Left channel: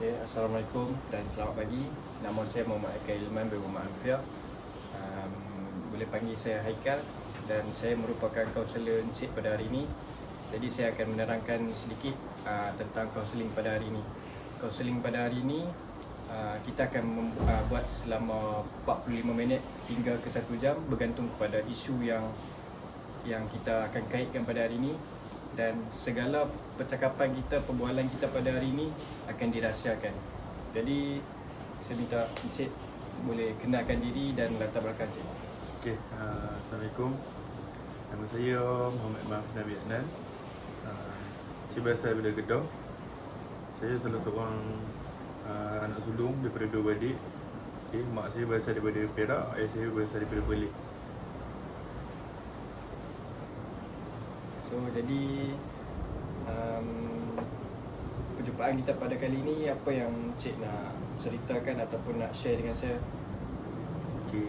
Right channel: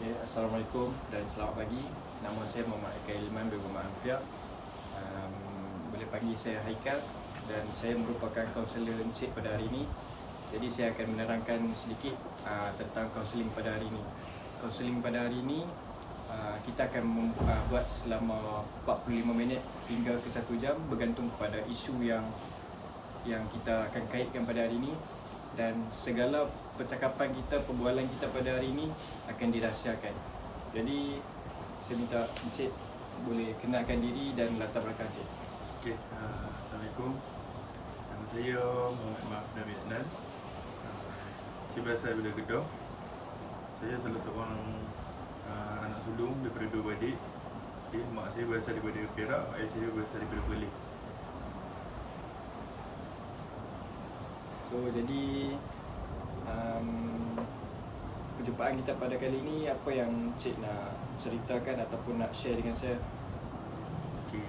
Okay, Assalamualaikum dan selamat pagi. Nama saya Muhammad Haikal Ilman bin Muhammad Amfiah. Boleh panggil saya Haikal dan saya merupakan kaunselor Encik pada hari ini. Jadi saya akan menerangkan sedikit tentang kaunseling pada hari ini. Kaunseling pada hari ini kita akan buat selama 45 minit hingga ke 1 jam bergantung kepada isu yang kita akan kaitkan pada hari ini, dan segala percakapan kita, perbualan kita pada hari ini akan dirahsiakan. Jadi saya minta Encik boleh kenalkan diri dan latar belakang Encik. Okey, Assalamualaikum. Nama saya Muhammad Mahfuz Nabi Adnan. Saya berasal daripada Kedah. Saya salah seorang anak sulung daripada 2 beradik. Okay, mak saya berasal daripada Perak, ayah saya berasal daripada Perlis. So jadi perjumpaan kita pada kali ini, apa yang Encik nak ceritakan ataupun nak share dengan saya? Okey,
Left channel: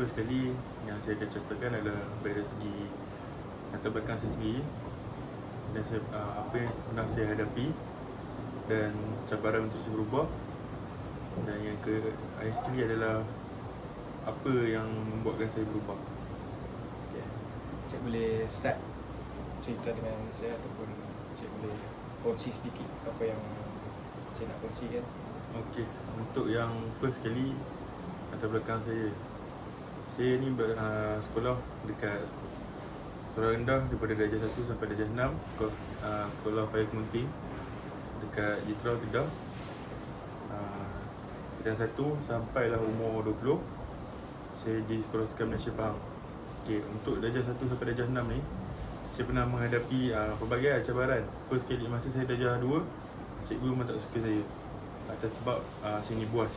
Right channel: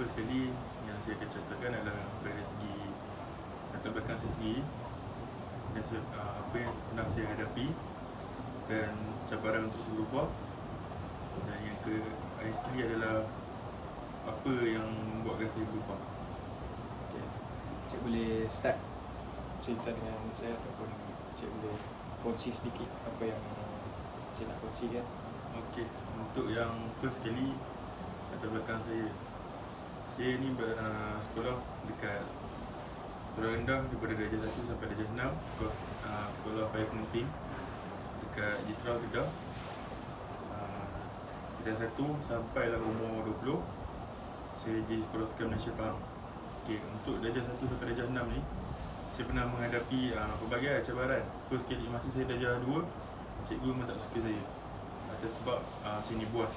first kali yang saya akan ceritakan adalah dari segi latar belakang saya sendiri dan apa yang pernah saya hadapi dan cabaran untuk saya berubah. Dan yang akhir sekali adalah apa yang membuatkan saya berubah. Okay. Encik boleh start cerita dengan saya ataupun Encik boleh kongsi sedikit apa yang Encik nak kongsikan? Okey, untuk yang first kali latar belakang saya ni sekolah dekat sekolah rendah daripada darjah 1 sampai darjah 6, sekolah Fire Community dekat Jitra Kedah. Darjah 1 sampailah umur 20 saya di sekolah Sekolah Malaysia Faham. Okey, untuk darjah 1 sampai darjah 6 ni saya pernah menghadapi pelbagai cabaran. First kali masa saya darjah 2, cikgu memang tak suka saya atas sebab saya ni buas.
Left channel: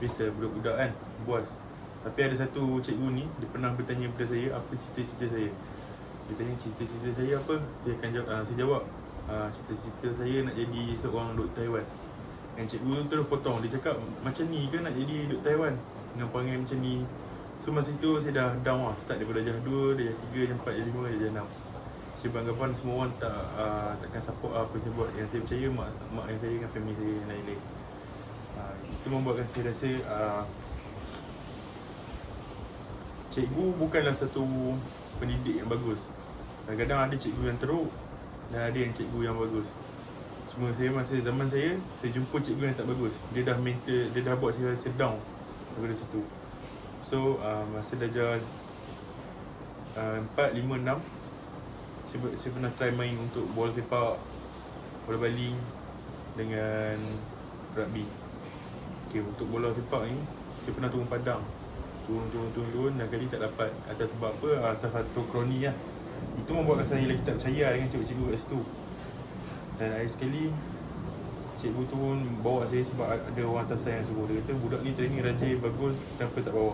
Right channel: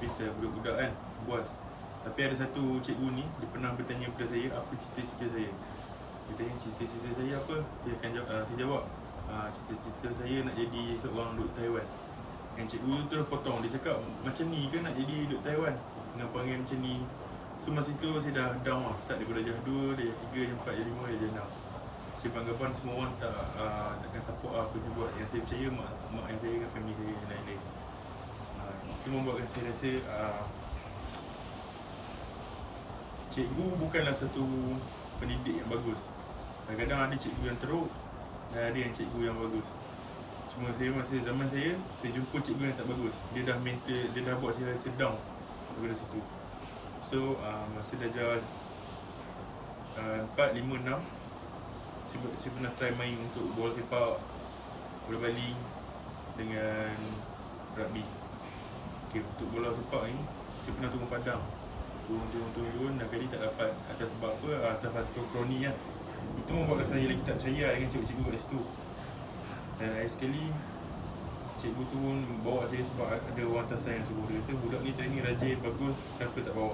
Biasa budak-budak kan, buas. Tapi ada satu cikgu ni, dia pernah bertanya kepada saya apa cita-cita saya. Dia tanya cita-cita saya apa, saya akan jawab, saya jawab cita-cita saya nak jadi seorang doktor haiwan. Dan cikgu tu terus potong, dia cakap macam ni ke nak jadi doktor haiwan, kena panggil macam ni. So masa tu saya dah down lah, start daripada darjah 2, darjah 3, darjah 4, darjah 5, darjah 6. Saya beranggapan semua orang takkan support apa saya buat. Yang saya percaya mak yang saya dengan family saya yang lain-lain. Itu membuatkan saya rasa cikgu bukanlah satu pendidik yang bagus. Kadang-kadang ada cikgu yang teruk dan ada yang cikgu yang bagus. Cuma saya masa zaman saya jumpa cikgu yang tak bagus. Dia dah buat saya rasa down daripada situ. So masa darjah 4, 5, 6 saya pernah try main untuk bola sepak, bola baling dengan rugby. Okay, untuk bola sepak ni saya pernah turun padang, turun dan kali tak dapat. Atas sebab apa? Atas satu kroni lah. Itu membuatkan saya lagi tak percaya dengan cikgu kat situ. Dan akhir sekali cikgu tu pun bawa saya sebab ada orang atasan yang suruh. Dia kata budak ni training rajin, bagus, kenapa tak bawa?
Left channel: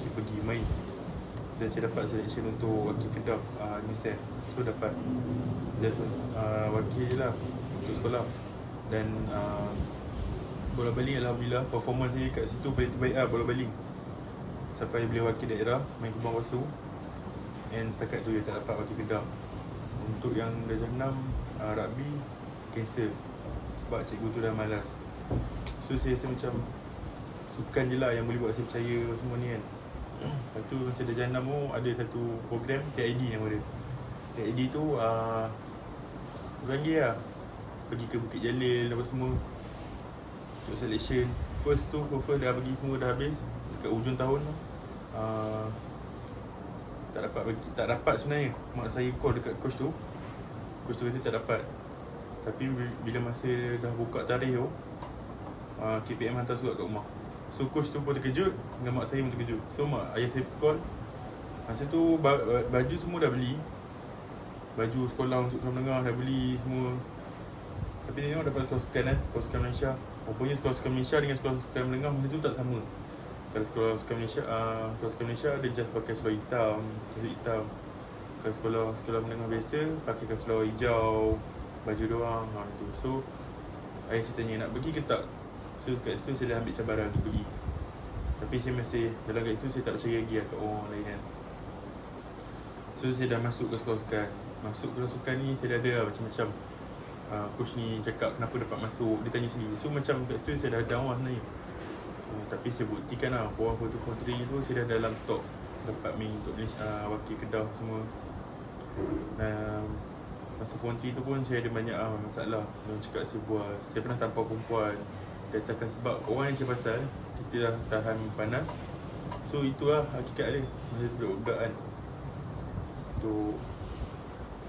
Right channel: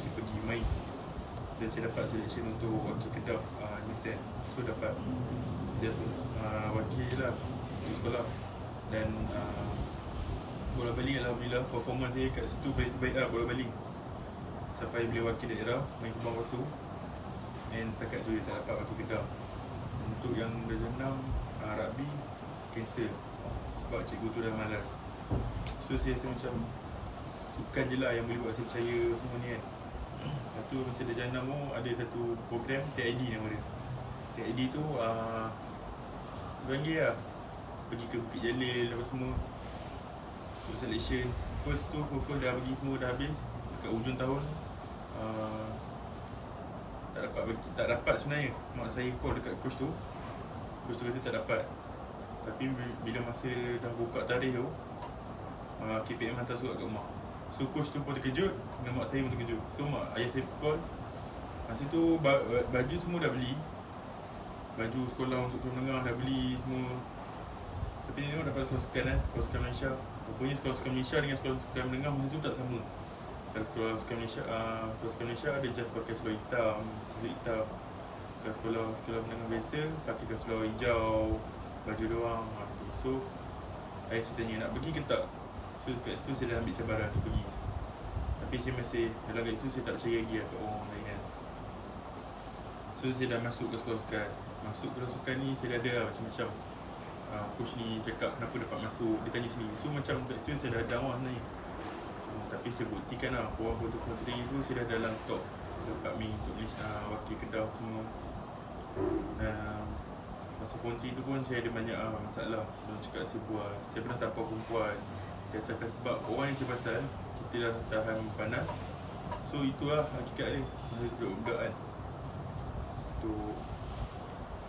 Saya pergi main dan saya dapat selection untuk wakil Kedah Nissan. So dapat just wakil je lah untuk sekolah. Dan bola baling alhamdulillah performance saya kat situ baik lah bola baling. Sampai beliau wakil daerah main Kubang Wasu. And setakat tu dia tak dapat wakil Kedah. Untuk yang darjah 6 rugby cancel sebab cikgu tu dah malas. So saya rasa macam sukan je lah yang boleh buat saya percaya semua ni kan. Satu masa darjah 6 tu ada satu program KID nama dia. KID tu beranggi lah, pergi ke Bukit Jalil apa semua untuk selection. First tu profile dah bagi semua dah habis. Dekat ujung tahun tak dapat sebenarnya. Mak saya call dekat coach tu kata tak dapat. Tapi bila masa dah buka tarikh tu KPM hantar surat kat rumah. So coach tu pun terkejut dan mak saya pun terkejut. So ayah saya call. Masa tu baju semua dah beli, baju sekolah untuk tahun tengah dah beli semua. Tapi ni dapat sekolah sukan kan, sekolah sukan Malaysia. Rupanya sekolah sukan Malaysia dengan sekolah sukan menengah masa tu tak sama. Kalau sekolah sukan Malaysia dia just pakai seluar hitam, Kalau sekolah menengah biasa pakai seluar hijau, baju doang tu. So ayah saya tanya nak pergi ke tak. So kat situ saya dah ambil cabaran untuk pergi. Tapi saya masih dalam kat itu saya tak percaya lagi kat orang lain kan. So saya dah masuk ke sekolah sukan. Masuk ke sukan ni saya dah ada lah macam-macam coach ni cakap kenapa dapat masuk, dia tanya sendiri. So macam kat situ saya dah down sebenarnya. Tapi saya buktikan lah, form 1, form 3 tu saya dah dalam top, dapat main untuk wakil Kedah semua. Masa form 3 tu pun saya ada banyak masalah. Orang cakap saya buat, saya pernah tampar perempuan. Dia katakan sebab orang yang cakap pasal kita dah tahan panas. So itulah hakikat dia, masa budak-budak kan. Untuk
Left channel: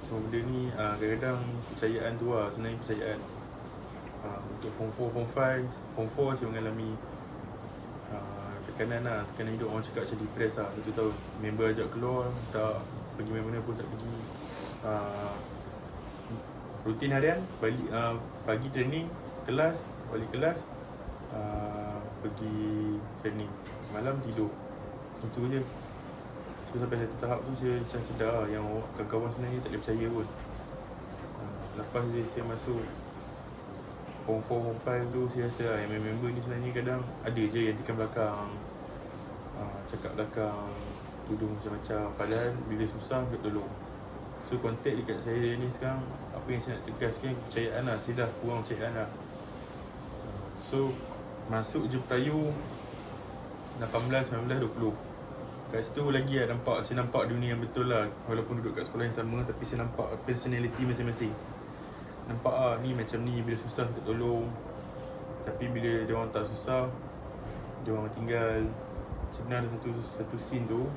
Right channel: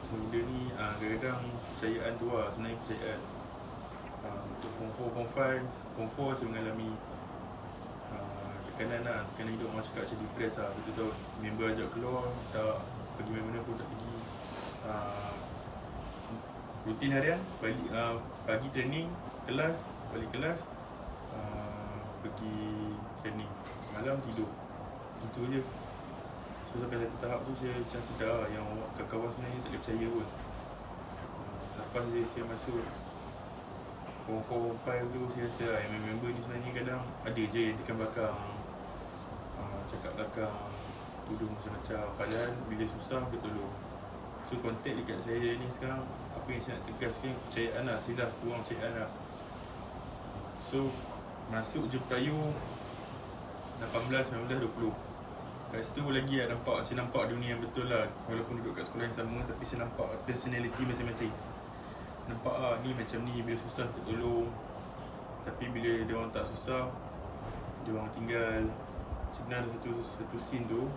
semua benda ni kadang-kadang kepercayaan tu lah, sebenarnya kepercayaan. Untuk form 4, form 5, form 4 saya mengalami tekanan lah, tekanan hidup. Orang cakap macam depress lah 1 tahun. Member ajak keluar, tak pergi main mana pun tak pergi. Rutin harian, balik pagi training, kelas, balik kelas, pergi training, malam tidur. Itu je. So sampai satu tahap tu saya macam sedar lah yang kawan-kawan sebenarnya tak boleh percaya pun. Lepas saya masuk form 4, form 5 tu saya rasa lah yang member ni sebenarnya kadang ada je yang tekan belakang, cakap belakang, tuduh macam-macam. Padahal bila susah dia tolong. So kontak dekat saya ni sekarang, apa yang saya nak tegas ni kepercayaan lah. Saya dah kurang kepercayaan lah. So masuk je Pelayu 18, 19, 20. Kat situ lagi lah saya nampak dunia yang betul lah. Walaupun duduk kat sekolah yang sama, tapi saya nampak personality masing-masing. Nampak ni macam ni, bila susah untuk tolong. Tapi bila dia orang tak susah, dia orang tinggal. Sebenarnya satu scene tu,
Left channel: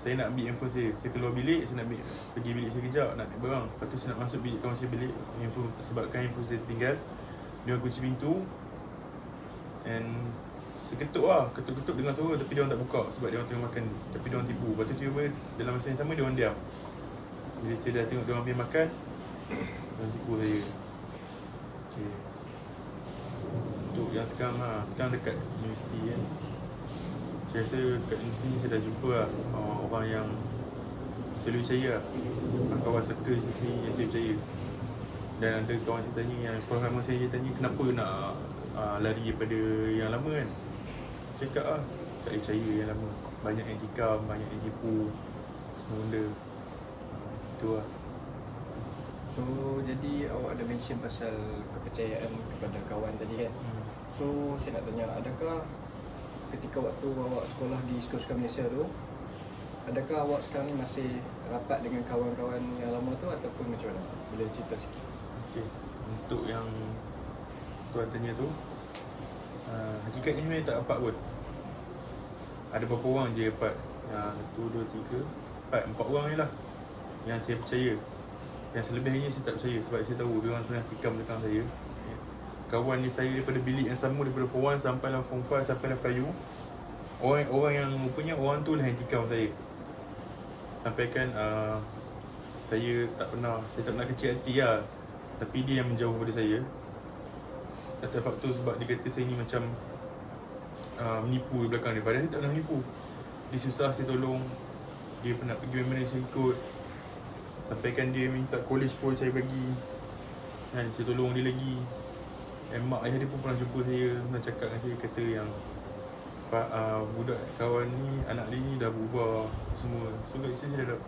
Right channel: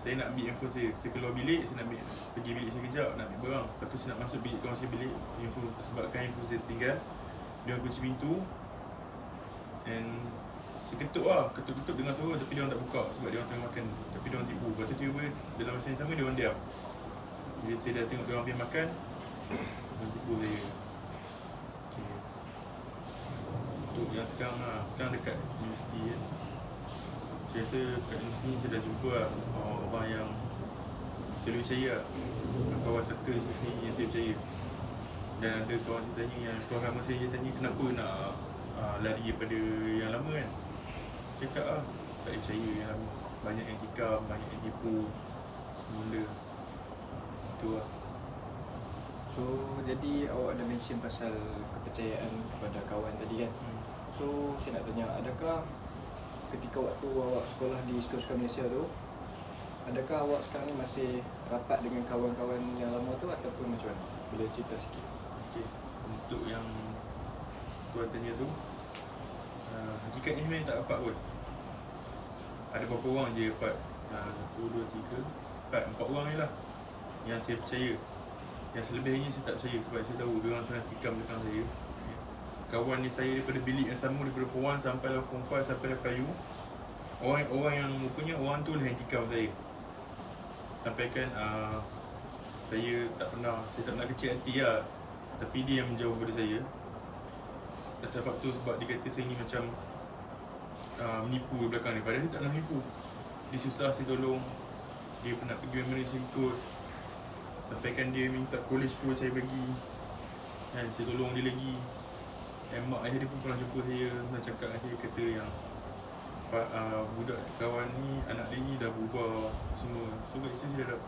saya nak ambil info saya keluar bilik, saya nak pergi bilik saya kejap, nak ambil barang. Lepas tu saya nak masuk bilik kawan saya bilik, sebabkan info saya tinggal. Dia orang kunci pintu, and saya ketuk dengan suara, tapi dia orang tak buka sebab dia orang tengah makan. Tapi dia orang tipu. Lepas tu tiba-tiba dalam masa yang sama dia orang diam. Bila saya dah tengok dia orang pergi makan, dia orang tipu saya. Okay. Untuk yang sekarang lah, sekarang dekat universiti kan, saya rasa kat universiti saya dah jumpa lah orang-orang yang saya boleh percaya lah. Kawan circle sini yang saya percaya. Dan ada kawan saya tanya, yang sekolah lama saya tanya kenapa nak lari daripada yang lama kan. Cakap lah, tak boleh percaya yang lama. Banyak yang tikam, banyak yang tipu, semua benda. Itu lah. So jadi awak ada mention pasal kepercayaan kepada kawan tadi kan. So saya nak tanya, adakah ketika waktu awak sekolah di sekolah Malaysia tu, adakah awak sekarang ni masih rapat dengan kawan-kawan yang lama tu ataupun macam mana? Boleh cerita sikit. Okay. Untuk yang tuan tanya tu, hakikatnya sebenarnya tak rapat pun. Ada beberapa orang je rapat. 1, 2, 3, 4 orang ni lah yang saya percaya. Yang selebihnya saya tak percaya sebab saya tahu dia orang pernah tikam belakang saya. Kawan ni saya daripada bilik yang sama, daripada form 1 sampai form 5 sampai Pelayu. Orang yang rupanya orang tu lah yang tikam saya. Sampaikan saya tak pernah kecil hati lah. Tapi dia yang menjauh daripada saya. Atas faktor sebab dia kata saya ni macam menipu di belakang dia. Padahal dia tak pernah menipu. Dia susah saya tolong. Dia pernah pergi mana saya ikut. Sampaikan dia minta college pun saya bagi. Dan saya tolong dia lagi. Dan mak ayah dia pun pernah jumpa saya, pernah cakap dengan saya, kata yang budak kawan ni, anak dia ni dah berubah semua. So kat situ saya dah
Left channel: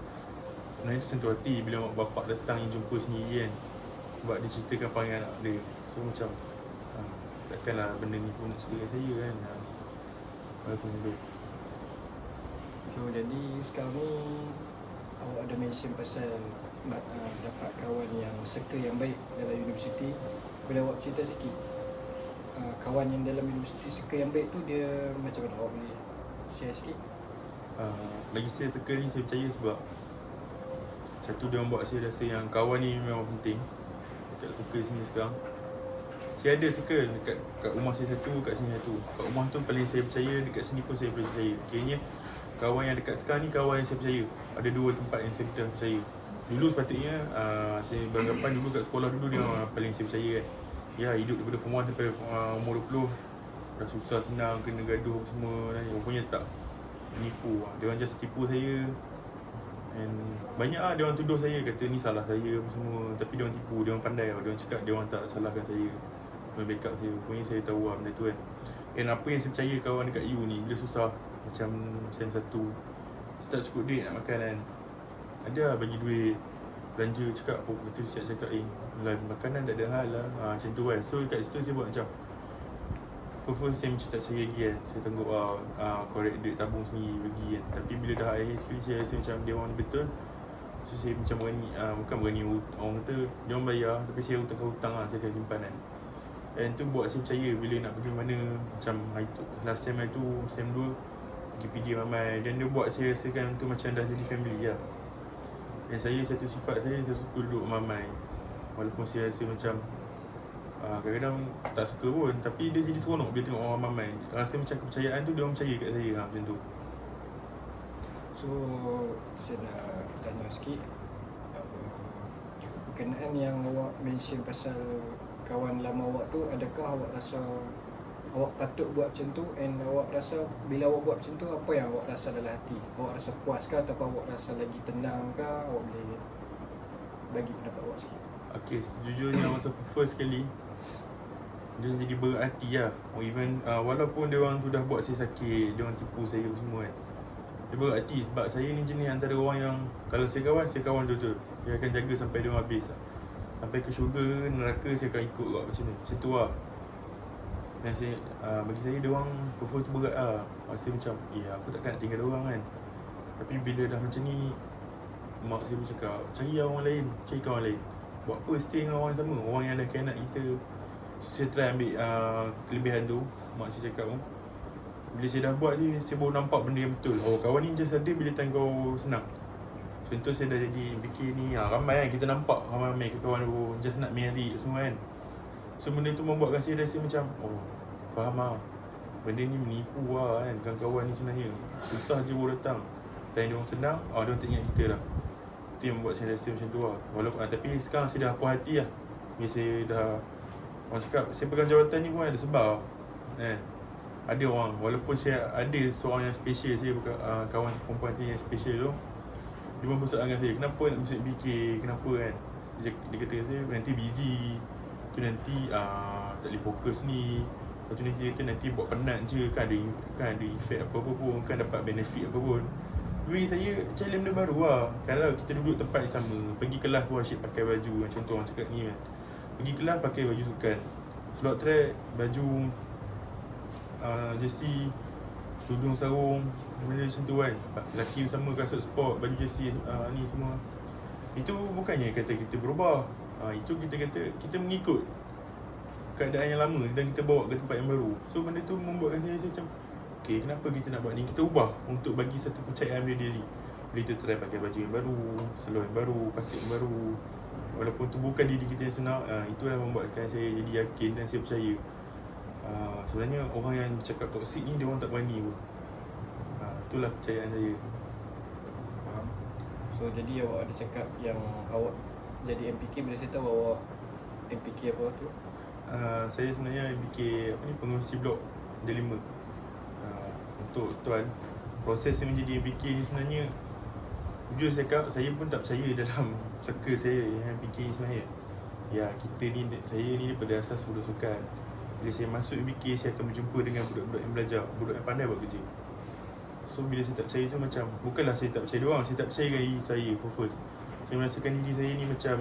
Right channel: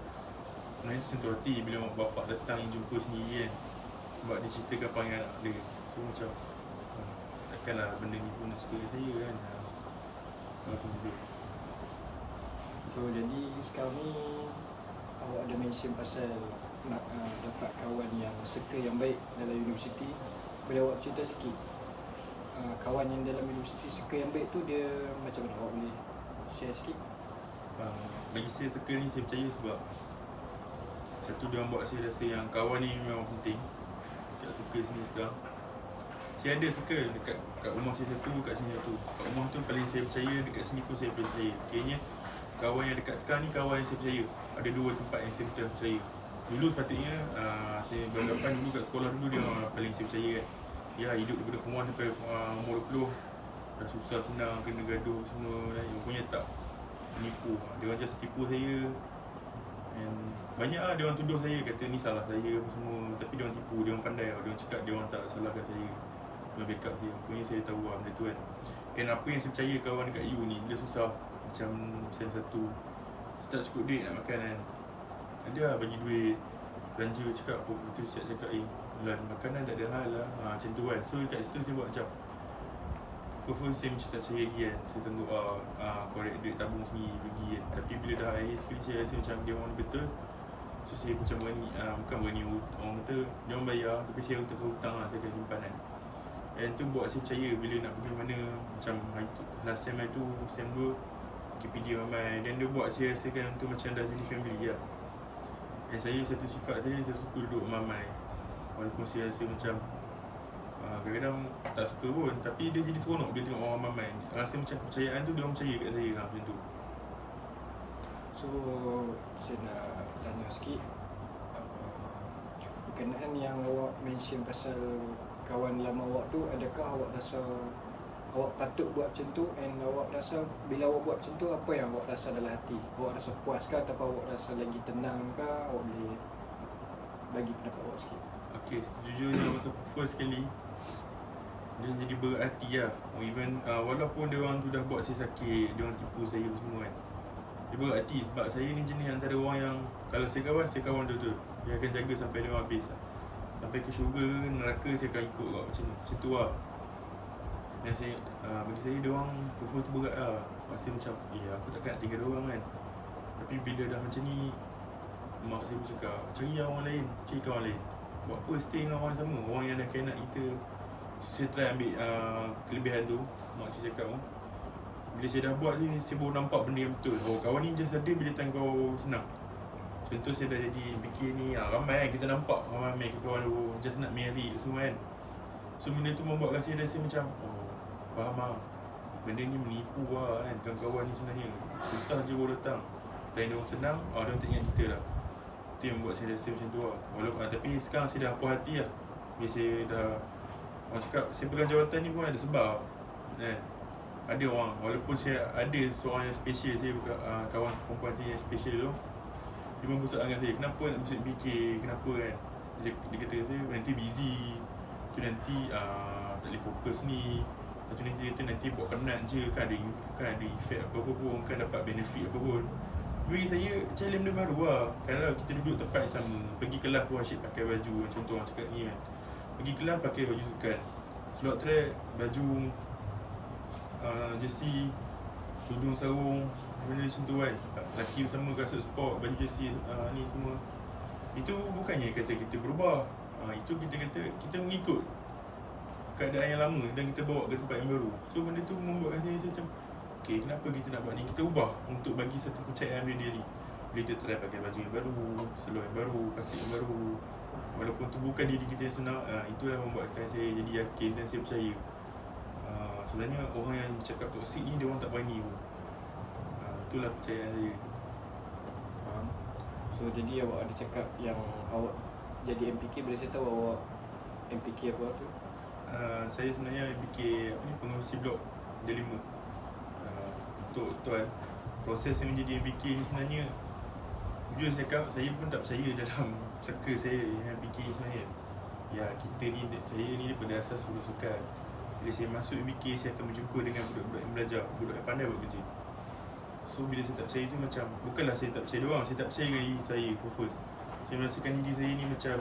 sebenarnya tersentuh hati bila mak bapak datang jumpa sendiri kan. Sebab dia ceritakan panggil anak dia. So macam takkanlah benda ni pun nak cerita saya kan. Walaupun hidup. So jadi sekarang ni awak ada mention pasal nak dapat kawan yang circle yang baik dalam universiti. Boleh awak cerita sikit kawan yang dalam universiti circle yang baik tu dia macam mana? Awak boleh share sikit? Bagi saya circle ni saya percaya sebab satu, dia orang buat saya rasa yang kawan ni memang penting. Dekat circle sini sekarang saya ada circle dekat rumah saya satu, kat sini satu. Kat rumah tu paling saya percaya, dekat sini pun saya boleh percaya. Kiranya kawan yang dekat sekarang ni kawan yang saya percaya. Ada 2 tempat yang saya betul percaya. Dulu sepatutnya saya beranggapan dulu kat sekolah dulu dia paling saya percaya kan. Ya, hidup daripada form 1 sampai umur 20 dah susah senang, kena gaduh semua kan. Rupanya tak, menipu. Dia orang just tipu saya. And banyak dia orang tuduh saya, kata ni salah saya semua. Tapi dia orang tipu, dia orang pandai. Dia orang cakap dia orang tak salahkan saya, dia backup saya. Rupanya saya tahu lah benda tu kan. And apa yang saya percaya kawan dekat you ni, dia susah. Macam sem 1 start cukup duit nak makan kan, ada lah bagi duit. belanja cakap apa, lepas tu saya cakap makanan tak ada hal lah, macam tu kan. So kat situ saya buat macam first saya macam tak percaya lagi kan. Saya tengok korek duit tabung sendiri bagi kan. Tapi bila dah akhir sekali saya rasa macam dia orang betul. So saya macam berani, bukan berani, orang kata dia orang bayar tapi saya hutang lah, saya akan simpan kan. And tu buat saya percaya bila nak pergi mana. Macam itu, last sem itu, sem 2 pergi PD ramai. Dan dia buat saya rasakan tu macam dah jadi family lah. Dan saya satu sifat saya suka duduk ramai. Walaupun saya rasa macam kadang-kadang tak suka pun, tapi dia jadi seronok dia tengok orang ramai. Rasa macam kepercayaan tu dia orang percaya kat saya lah, macam tu. So saya nak tanya sikit, berkenaan yang awak mention pasal kawan lama awak tu, adakah awak rasa awak patut buat macam tu, and awak rasa bila awak buat macam tu, apa yang awak rasa dalam hati? Awak rasa puas ke ataupun awak rasa lagi tenang ke? Awak boleh bagi pendapat awak sikit. Okay, sejujurnya masa first kali dia jadi berarti lah. Even walaupun dia orang tu dah buat saya sakit, dia orang tipu saya semua kan, dia berarti sebab saya ni jenis antara orang yang kalau saya kawan betul-betul. Dia akan jaga sampai dia habis lah. Sampai ke syurga, neraka saya akan ikut lah, macam tu lah. Dan saya, bagi saya dia orang prefer tu berat lah. Rasa macam, aku takkan nak tinggal dia orang kan. Tapi bila dah macam ni, mak saya pun cakap, cari orang lain, cari kawan lain. Buat apa stay dengan orang sama, orang yang dah khianat kita. Saya try ambil kelebihan tu, mak saya cakap pun. Bila saya dah buat ni, saya baru nampak benda yang betul. Kawan ni just ada bila time kau senang. Contoh saya dah jadi fikir ni, ramai kan kita nampak ramai kawan tu just nak marry semua kan. So benda tu membuatkan saya rasa macam, faham lah, benda ni menipu lah kan. Kawan-kawan ni sebenarnya susah je baru datang. Time dia orang senang, dia orang tak ingat kita lah. Itu yang membuat saya rasa macam tu lah. Walaupun tapi sekarang saya dah puas hati lah. Bila saya dah, orang cakap saya pegang jawatan ni pun ada sebab kan. Ada orang, walaupun saya ada seorang yang special, saya bukan kawan perempuan saya yang special tu, dia pun pusat dengan saya, kenapa nak masuk BK, kenapa kan. Dia kata saya nanti busy, tu nanti tak boleh fokus ni. Lepas tu nanti dia kata nanti buat penat je, kan ada efek apa-apa pun, kan dapat benefit apa pun. Bagi saya challenge benda baru lah. Kalau kita duduk tempat yang sama, pergi kelas pun asyik pakai baju macam tu orang cakap ni kan. Pergi kelas pakai baju sukan, slot track, baju jersey, tudung sarung, benda macam tu kan. Lelaki sama kasut sport, baju jersey ni semua. Itu bukannya kata kita berubah, itu kita kata kita mengikut keadaan yang lama dan kita bawa ke tempat yang baru. So benda tu membuatkan saya rasa macam, okay, kenapa kita nak buat ni? Kita ubah untuk bagi satu kepercayaan pada diri. Bila kita try pakai baju yang baru, seluar yang baru, kasut yang baru, walaupun tu bukan diri kita yang sebenar, itulah membuatkan saya jadi yakin dan saya percaya. Sebenarnya orang yang cakap toksik ni, dia orang tak berani pun. Itulah percayaan saya. Faham. So jadi awak ada cakap yang awak jadi MPK, bila saya tahu awak MPK apa tu? Saya sebenarnya MPK pengurusi blok D5. Untuk tuan, proses saya menjadi MPK ni sebenarnya, jujur saya cakap, saya pun tak percaya dalam circle saya yang MPK sebenarnya. Ya, kita ni, saya ni daripada asas sukan. Bila saya masuk MPK, saya akan berjumpa dengan budak-budak yang belajar, budak yang pandai buat kerja. So bila saya tak percaya tu macam, bukanlah saya tak percaya dia orang, saya tak percaya diri saya first. Saya merasakan diri saya ni macam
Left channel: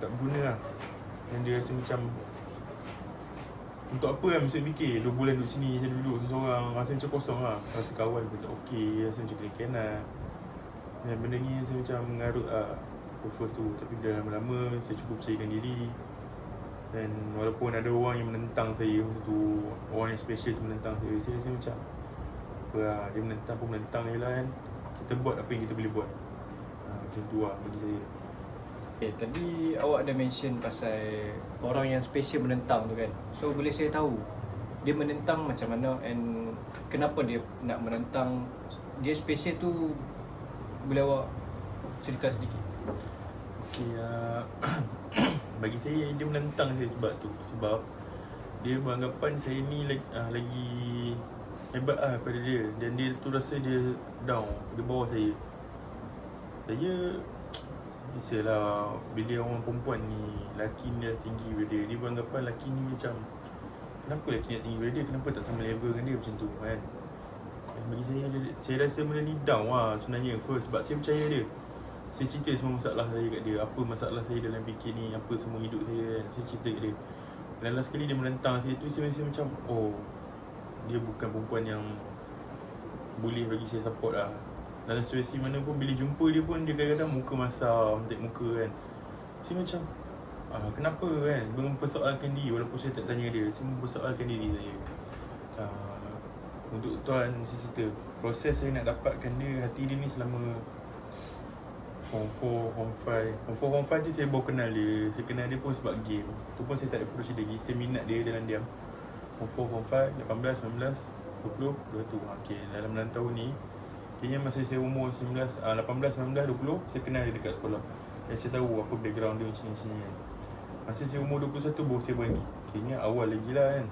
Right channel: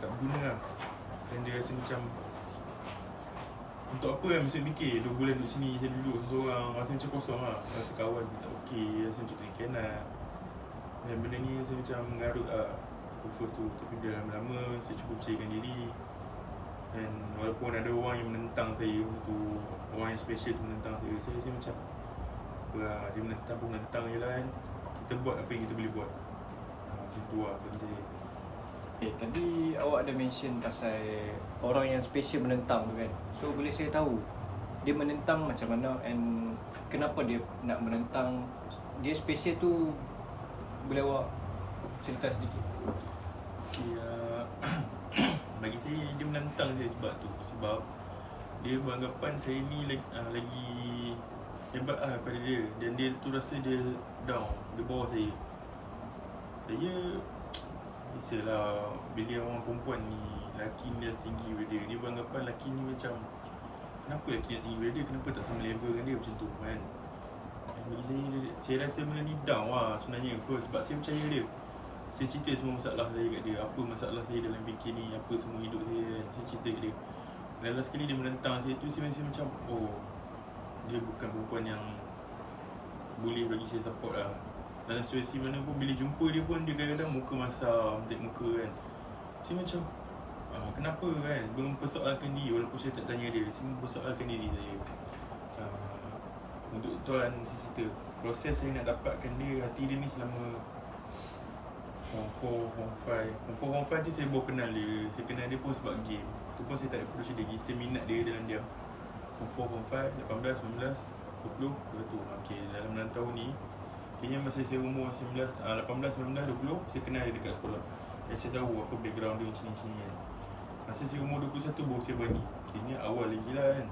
tak berguna lah. Dan dia rasa macam, untuk apa kan masuk MPK, 2 bulan duduk sini, saya duduk seorang, rasa macam kosong lah. Rasa kawan pun tak okey, rasa macam kena-kena. Dan benda ni rasa macam mengarut lah first tu. Tapi dah lama-lama saya cuba percayakan diri. Dan walaupun ada orang yang menentang saya, tu orang yang special tu menentang saya rasa macam dia menentang pun menentang je lah kan. Kita buat apa yang kita boleh buat. Macam tu lah bagi saya. Tadi awak ada mention pasal orang yang special menentang tu kan. So boleh saya tahu dia menentang macam mana and kenapa dia nak menentang? Dia special tu boleh awak cerita sedikit? Okay, bagi saya dia menentang saya sebab dia beranggapan saya ni lagi hebat lah daripada dia. Dan dia tu rasa dia down, dia bawah saya. Saya biasalah, bila orang perempuan ni, lelaki ni dah tinggi daripada dia, dia beranggapan lelaki ni macam, kenapa lelaki ni tinggi daripada dia, kenapa tak sama level dengan dia macam tu kan. Dan bagi saya rasa benda ni down lah sebenarnya first, sebab saya percaya dia. Saya cerita semua masalah saya kat dia. Apa masalah saya dalam PK ni, apa semua hidup saya kan. Saya cerita kat dia. Dan last kali dia menentang saya tu, saya rasa macam, oh, dia bukan perempuan yang boleh bagi saya support lah. Dalam situasi mana pun, bila jumpa dia pun, dia kadang-kadang muka masam, tek muka kan. Saya macam, kenapa kan, mempersoalkan diri walaupun saya tak tanya dia. Saya mempersoalkan diri saya. Untuk tuan, saya cerita, proses saya nak dapatkan dia, hati dia ni selama Form 4, Form 5. Form 4 tu saya baru kenal dia. Saya kenal dia pun sebab game. Tu pun saya tak approach dia lagi. Saya minat dia dalam diam. Form 4, Form 5, 18, 19, 20, 21. Okay, dalam 6 tahun ni, kayaknya masa saya umur 18, 19, 20, saya kenal dia dekat sekolah. Dan saya tahu apa background dia macam ni kan. Masa saya umur 21 baru saya berani. Kayaknya awal lagi lah kan.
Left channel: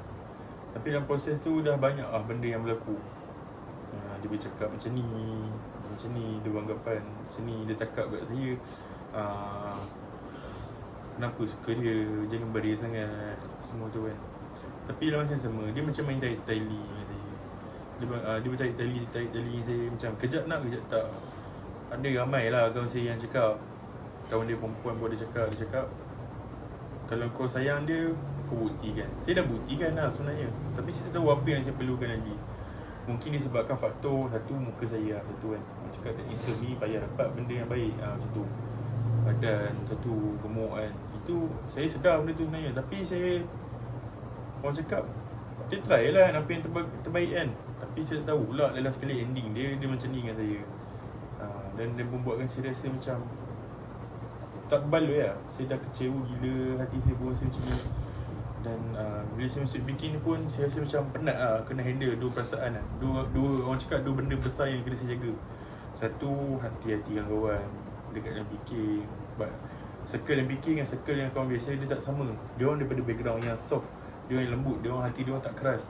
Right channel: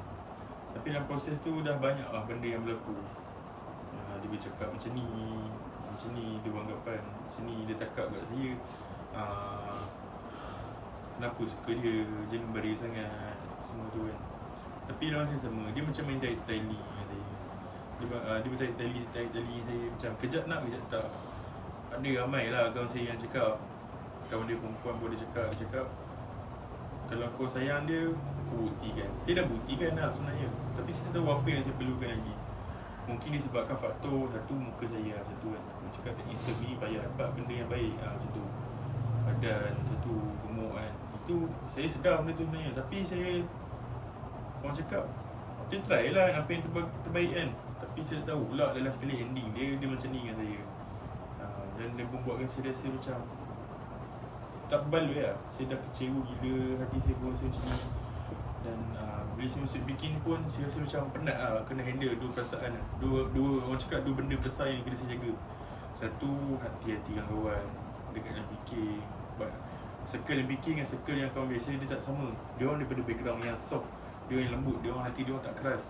Tapi dalam proses tu dah banyak lah benda yang berlaku. Dia bercakap macam ni, dia beranggapan macam ni, dia cakap kat saya, kenapa suka dia, jangan beri sangat, semua tu kan. Tapi dalam masa yang sama, dia macam main taili dengan saya. Dia bertaili saya macam kejap nak, kejap tak. Ada ramai lah kawan saya yang cakap, kawan dia perempuan pun dia cakap kalau kau sayang dia, kau buktikan. Saya dah buktikan lah sebenarnya. Tapi saya tahu apa yang saya perlukan lagi. Mungkin disebabkan faktor satu, muka saya lah, satu kan. Cakap teknisel ni payah dapat benda yang baik, macam tu. Badan, satu, gemuk kan. Itu saya sedar benda tu sebenarnya. Tapi saya, orang cakap, dia try lah apa yang terbaik kan. Tapi saya tak tahu pula dalam sekali ending dia macam ni dengan saya. Dan dia membuatkan saya rasa macam tak berbaloi lah. Saya dah kecewa gila, hati saya pun rasa macam ni. Dan bila saya masuk bikin ni pun, saya rasa macam penat lah kena handle dua perasaan lah. Dua orang cakap dua benda besar yang kena saya jaga. Satu, hati-hati dengan kawan dekat dalam bikin. Circle yang bikin dengan circle yang kawan biasa dia tak sama. Dia orang daripada background yang soft, dia orang yang lembut, dia orang hati dia orang tak keras.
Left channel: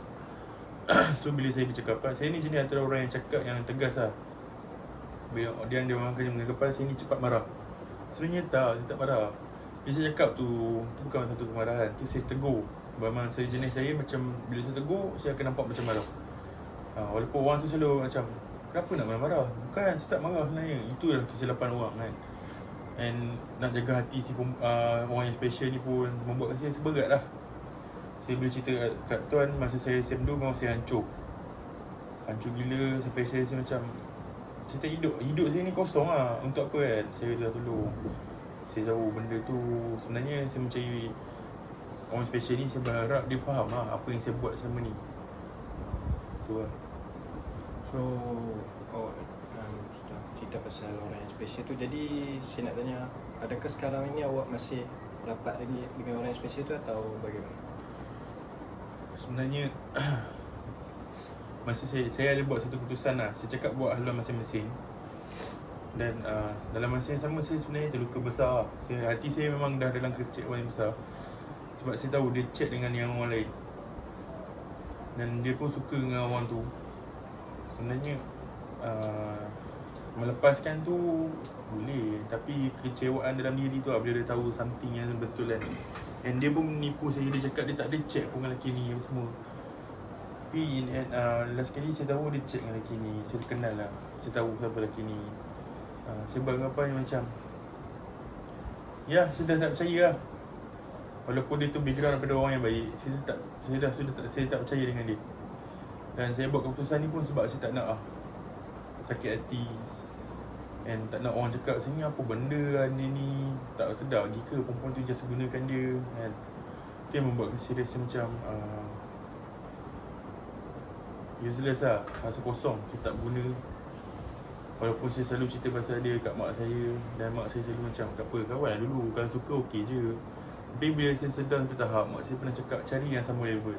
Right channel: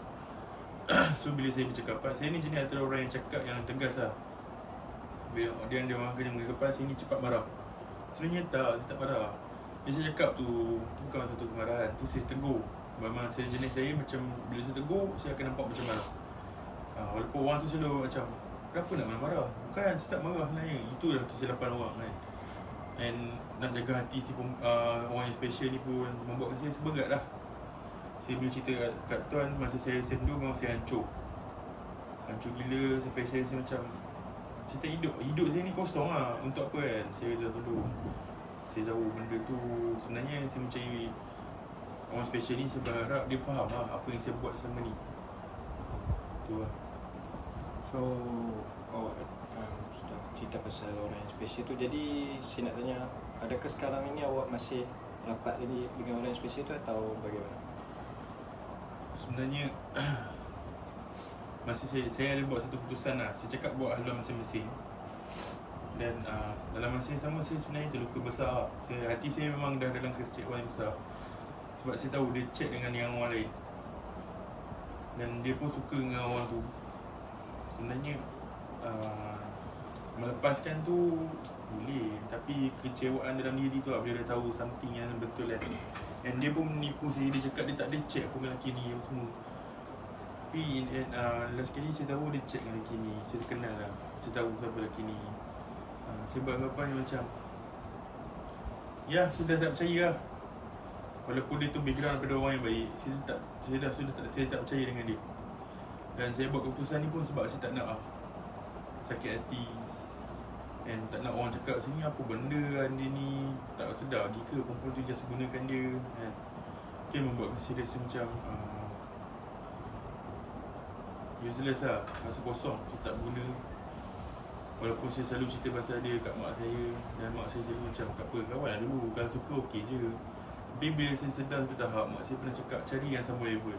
So bila saya bercakap, saya ni jenis antara orang yang cakap yang tegas lah. Bila dia orang kena menganggap saya ni cepat marah. Sebenarnya tak, saya tak marah. Bila saya cakap tu bukan satu kemarahan, tu saya tegur. Memang saya jenis saya macam, bila saya tegur, saya akan nampak macam marah. Walaupun orang tu selalu macam, kenapa nak marah-marah? Bukan, saya tak marah sebenarnya. Itu adalah kesilapan orang kan. And nak jaga hati si orang yang special ni pun membuatkan saya seberat lah. Saya boleh cerita kat tuan, masa saya SM2 memang saya hancur gila, sampai saya macam cerita hidup saya ni kosong lah. Untuk apa kan, saya dah tolong. Saya tahu benda tu sebenarnya saya mencari orang special ni, saya berharap dia faham lah apa yang saya buat selama ni. Tu lah. So, sudah cerita pasal orang yang special tu. Jadi saya nak tanya, adakah sekarang ini awak masih rapat lagi dengan orang yang special tu atau bagaimana? Sebenarnya masa saya ada buat satu keputusan lah. Saya cakap buat haluan masing-masing. Dan dalam masa yang sama, saya sebenarnya terluka besar. Hati saya memang dah dalam kekecewaan yang besar. Sebab saya tahu dia chat dengan yang orang lain. Dan dia pun suka dengan orang tu. Sebenarnya melepaskan tu boleh. Tapi kecewaan dalam diri tu lah, bila dia tahu something yang betul kan. Dan dia pun menipu saya. Dia cakap dia tak ada chat pun dengan lelaki ni semua. Tapi last kali saya tahu dia chat dengan lelaki ni. Saya kenal lah, saya tahu siapa lelaki ni. Saya beranggapan macam, ya, saya dah tak percaya lah. Walaupun dia tu background daripada orang yang baik, saya tak percaya dengan dia. Dan saya buat keputusan ni pun sebab saya tak nak sakit hati. And tak nak orang cakap sini apa benda kan dia ni, tak sedar lagi ke perempuan tu just gunakan dia kan. Dia membuatkan saya rasa macam useless lah, rasa kosong, saya tak guna. Walaupun saya selalu cerita pasal dia kat mak saya, dan mak saya selalu macam, tak apa, kawan lah dulu, kalau suka okey je. Tapi bila saya sedar satu tahap, mak saya pernah cakap cari yang sama level.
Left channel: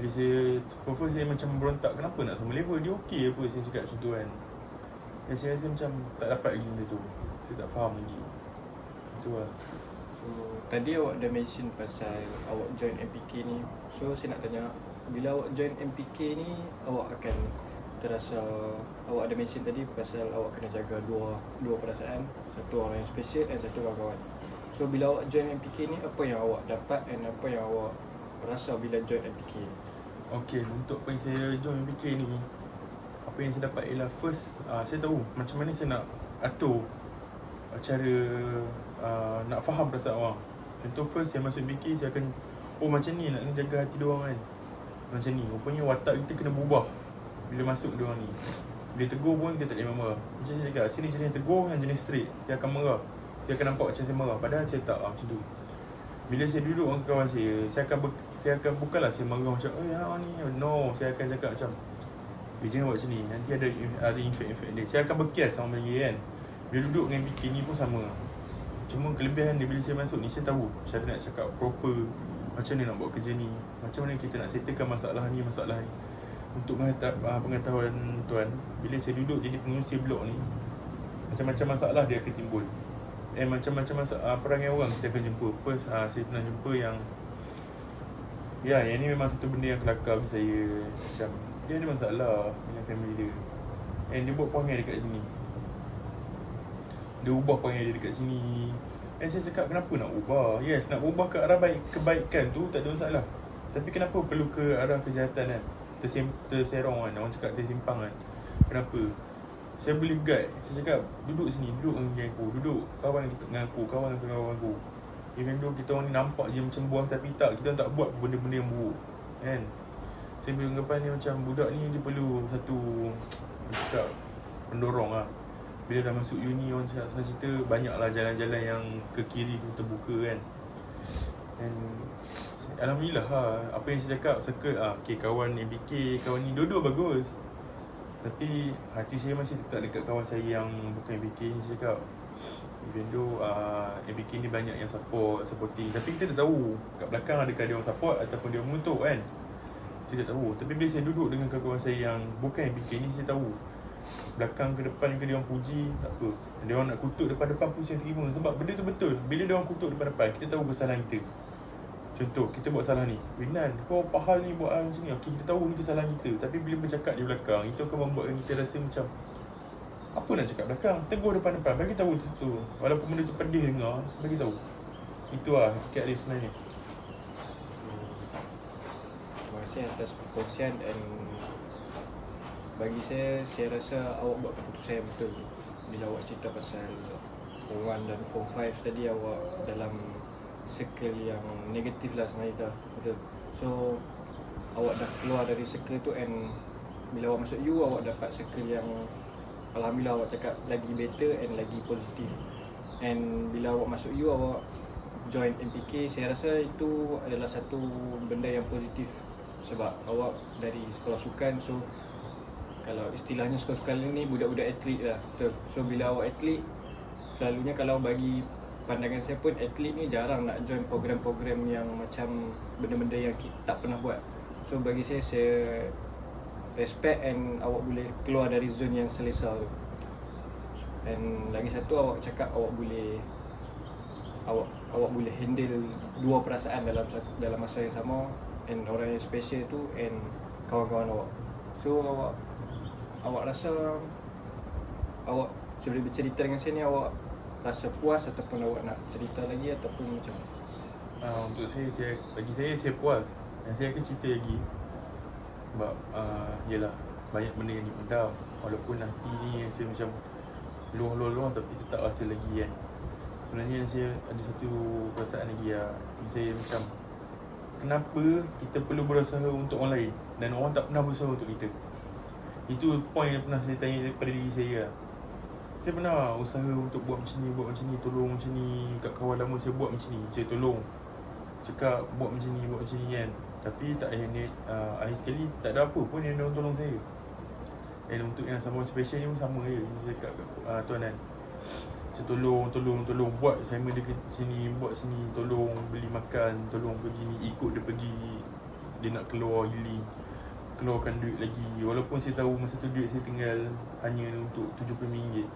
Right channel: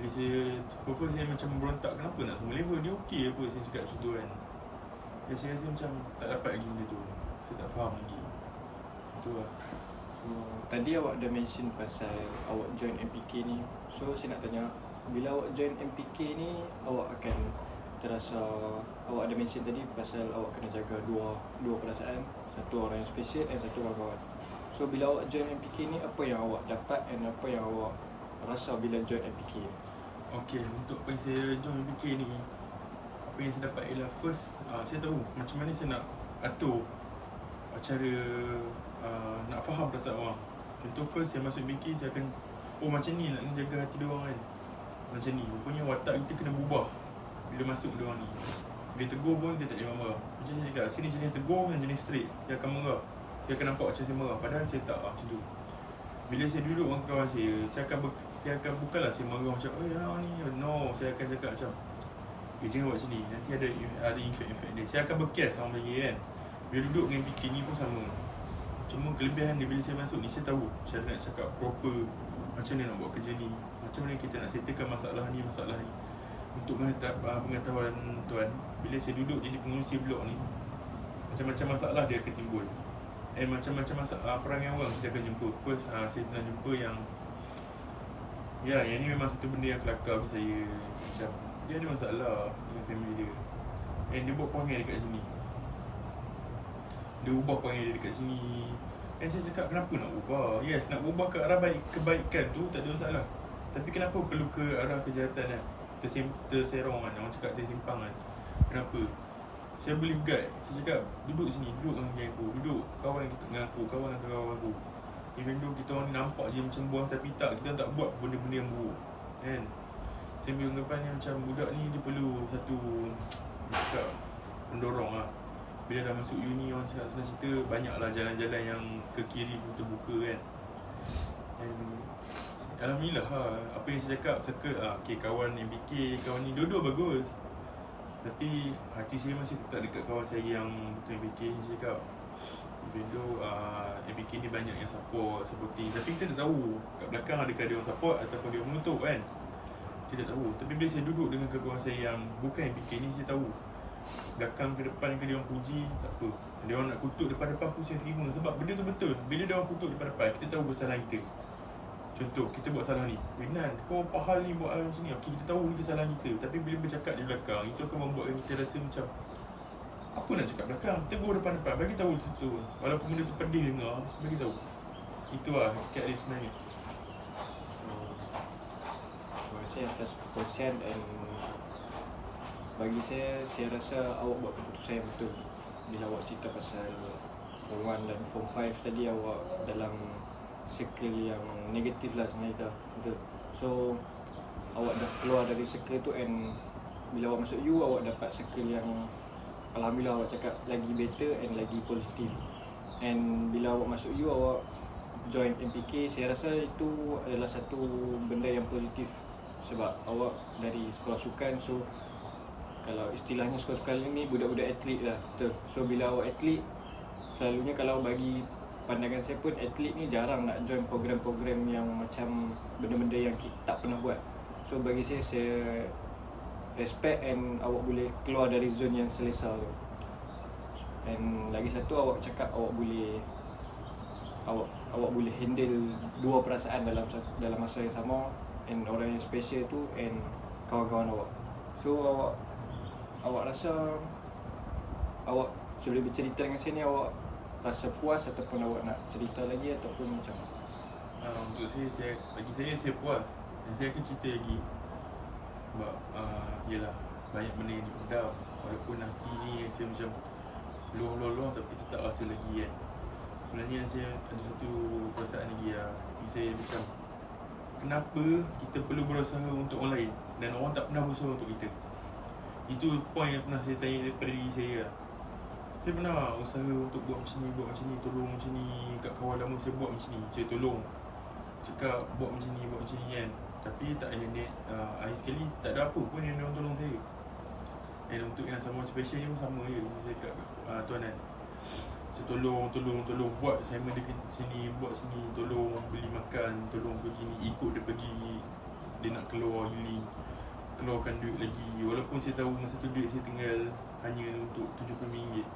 Jadi saya, confirm saya macam berontak, kenapa nak sama level, dia okey apa saya cakap macam tu kan. Dan saya rasa macam tak dapat lagi benda tu, saya tak faham lagi. Itu lah. So, tadi awak dah mention pasal awak join MPK ni. So saya nak tanya, bila awak join MPK ni, awak akan terasa, awak ada mention tadi pasal awak kena jaga dua perasaan, satu orang yang special dan satu orang kawan. So bila awak join MPK ni, apa yang awak dapat dan apa yang awak rasa bila join MPK? Okay, untuk apa yang saya join MPK ni, apa yang saya dapat ialah first, saya tahu macam mana saya nak atur cara nak faham perasaan orang. Contoh first saya masuk MBK, saya akan macam ni nak jaga hati diorang kan. Macam ni, rupanya watak kita kena berubah bila masuk diorang ni. Bila tegur pun kita tak boleh marah. Macam saya cakap, sini jenis tegur, yang jenis straight. Dia akan marah, saya akan nampak macam saya marah, padahal saya tak, macam tu. Bila saya duduk dengan kawan saya akan bukanlah saya marah macam ni. No, saya akan cakap macam jangan buat macam ni, nanti ada efek dia. Saya akan berkias sama lagi kan. Bila duduk dengan MBK ni pun sama. Cuma kelebihan dia bila saya masuk ni, saya tahu cara nak cakap proper, macam mana nak buat kerja ni, macam mana kita nak settlekan masalah ni. Untuk pengetahuan tuan, bila saya duduk jadi pengurusi blok ni, macam-macam masalah dia akan timbul. Macam-macam masalah perangai orang kita akan jumpa. First, saya pernah jumpa yang ni memang satu benda yang kelakar bagi saya. Macam dia ada masalah dengan family dia, dia buat perangai dekat sini. Dia ubah perangai dia dekat sini. Saya cakap, kenapa nak ubah? Yes, nak ubah ke arah kebaikan tu tak ada masalah. Tapi kenapa perlu ke arah kejahatan kan? Terserong kan, orang cakap tersimpang kan. Kenapa? Saya boleh guide. Saya cakap, duduk sini, duduk dengan aku, duduk kawan dengan aku, kawan aku. Even though kita orang ni nampak je macam buah, tapi tak, kita tak buat benda-benda yang buruk kan. Saya beranggapan ni macam budak ni dia perlu satu cakap pendorong lah. Bila dah masuk uni, orang cakap senang cerita, banyaklah jalan-jalan yang ke kiri pun terbuka kan. And alhamdulillah apa yang saya cakap, circle kawan MBK, kawan ni dua-dua bagus. Tapi hati saya masih tetap dekat kawan saya yang bukan MBK ni. Saya cakap, even though MBK ni banyak yang supporting, tapi kita tak tahu kat belakang adakah dia orang support ataupun dia mengutuk kan. Kita tak tahu. Tapi bila saya duduk dengan kawan saya yang bukan MBK ni, saya tahu belakang ke depan ke dia orang puji, tak apa. Dia orang nak kutuk depan-depan pun saya terima. Sebab benda tu betul. Bila dia orang kutuk depan-depan, kita tahu kesalahan kita. Contoh, kita buat salah ni, Nan, kau pahal ni buat hal macam ni. Okay, kita tahu itu kesalahan kita. Tapi bila bercakap di belakang, itu akan membuatkan kita rasa macam, apa nak cakap belakang? Tegur depan-depan, bagi tahu itu. Walaupun benda tu pedih dengar, bagi tahu. Itu hakikat dia sebenarnya. Terima kasih atas perkongsian. Dan bagi saya rasa awak buat keputusan yang betul. Bila awak cerita pasal Form 1 dan Form 5 tadi, awak dalam circle yang negatif lah sebenarnya, betul. So awak dah keluar dari circle tu, and bila awak masuk U, awak dapat circle yang alhamdulillah awak cakap lagi better and lagi positif. And bila awak masuk U, awak join MPK, saya rasa itu adalah satu benda yang positif. Sebab awak dari sekolah sukan, so kalau istilahnya sekolah-sekolah ni budak-budak atlet lah, betul. So bila awak atlet, selalunya kalau bagi pandangan saya pun, atlet ni jarang nak join program-program yang macam benda-benda yang kita tak pernah buat. So bagi saya respect, and awak boleh keluar dari zone yang selesa tu. And lagi satu, awak cakap awak boleh handle dua perasaan dalam masa yang sama, and orang yang special tu and kawan-kawan awak. So awak rasa awak sebelum bercerita dengan saya ni, awak rasa puas ataupun awak nak cerita lagi ataupun macam? Untuk bagi saya puas. Dan saya akan cerita lagi. Sebab yelah, banyak benda yang dipendam. Walaupun hati ni yang saya macam luah, tapi tetap rasa lagi kan. Sebenarnya saya ada satu perasaan lagi saya macam, kenapa kita perlu berusaha untuk orang lain dan orang tak pernah berusaha untuk kita. Itu point yang pernah saya tanya daripada diri saya. Saya pernah usaha untuk buat macam ni, tolong macam ni. Kat kawan lama saya buat macam ni, saya tolong. Cakap buat macam ni kan. Tapi tak ada akhir sekali tak ada apa pun yang orang tolong saya. Dan untuk yang someone special ni pun sama je. Saya kat tuan kan, saya tolong buat assignment dekat sini, buat sini, tolong beli makan, tolong pergi ni, ikut dia pergi. Dia nak keluar healing, keluarkan duit lagi. Walaupun saya tahu masa tu duit saya tinggal hanya untuk RM70.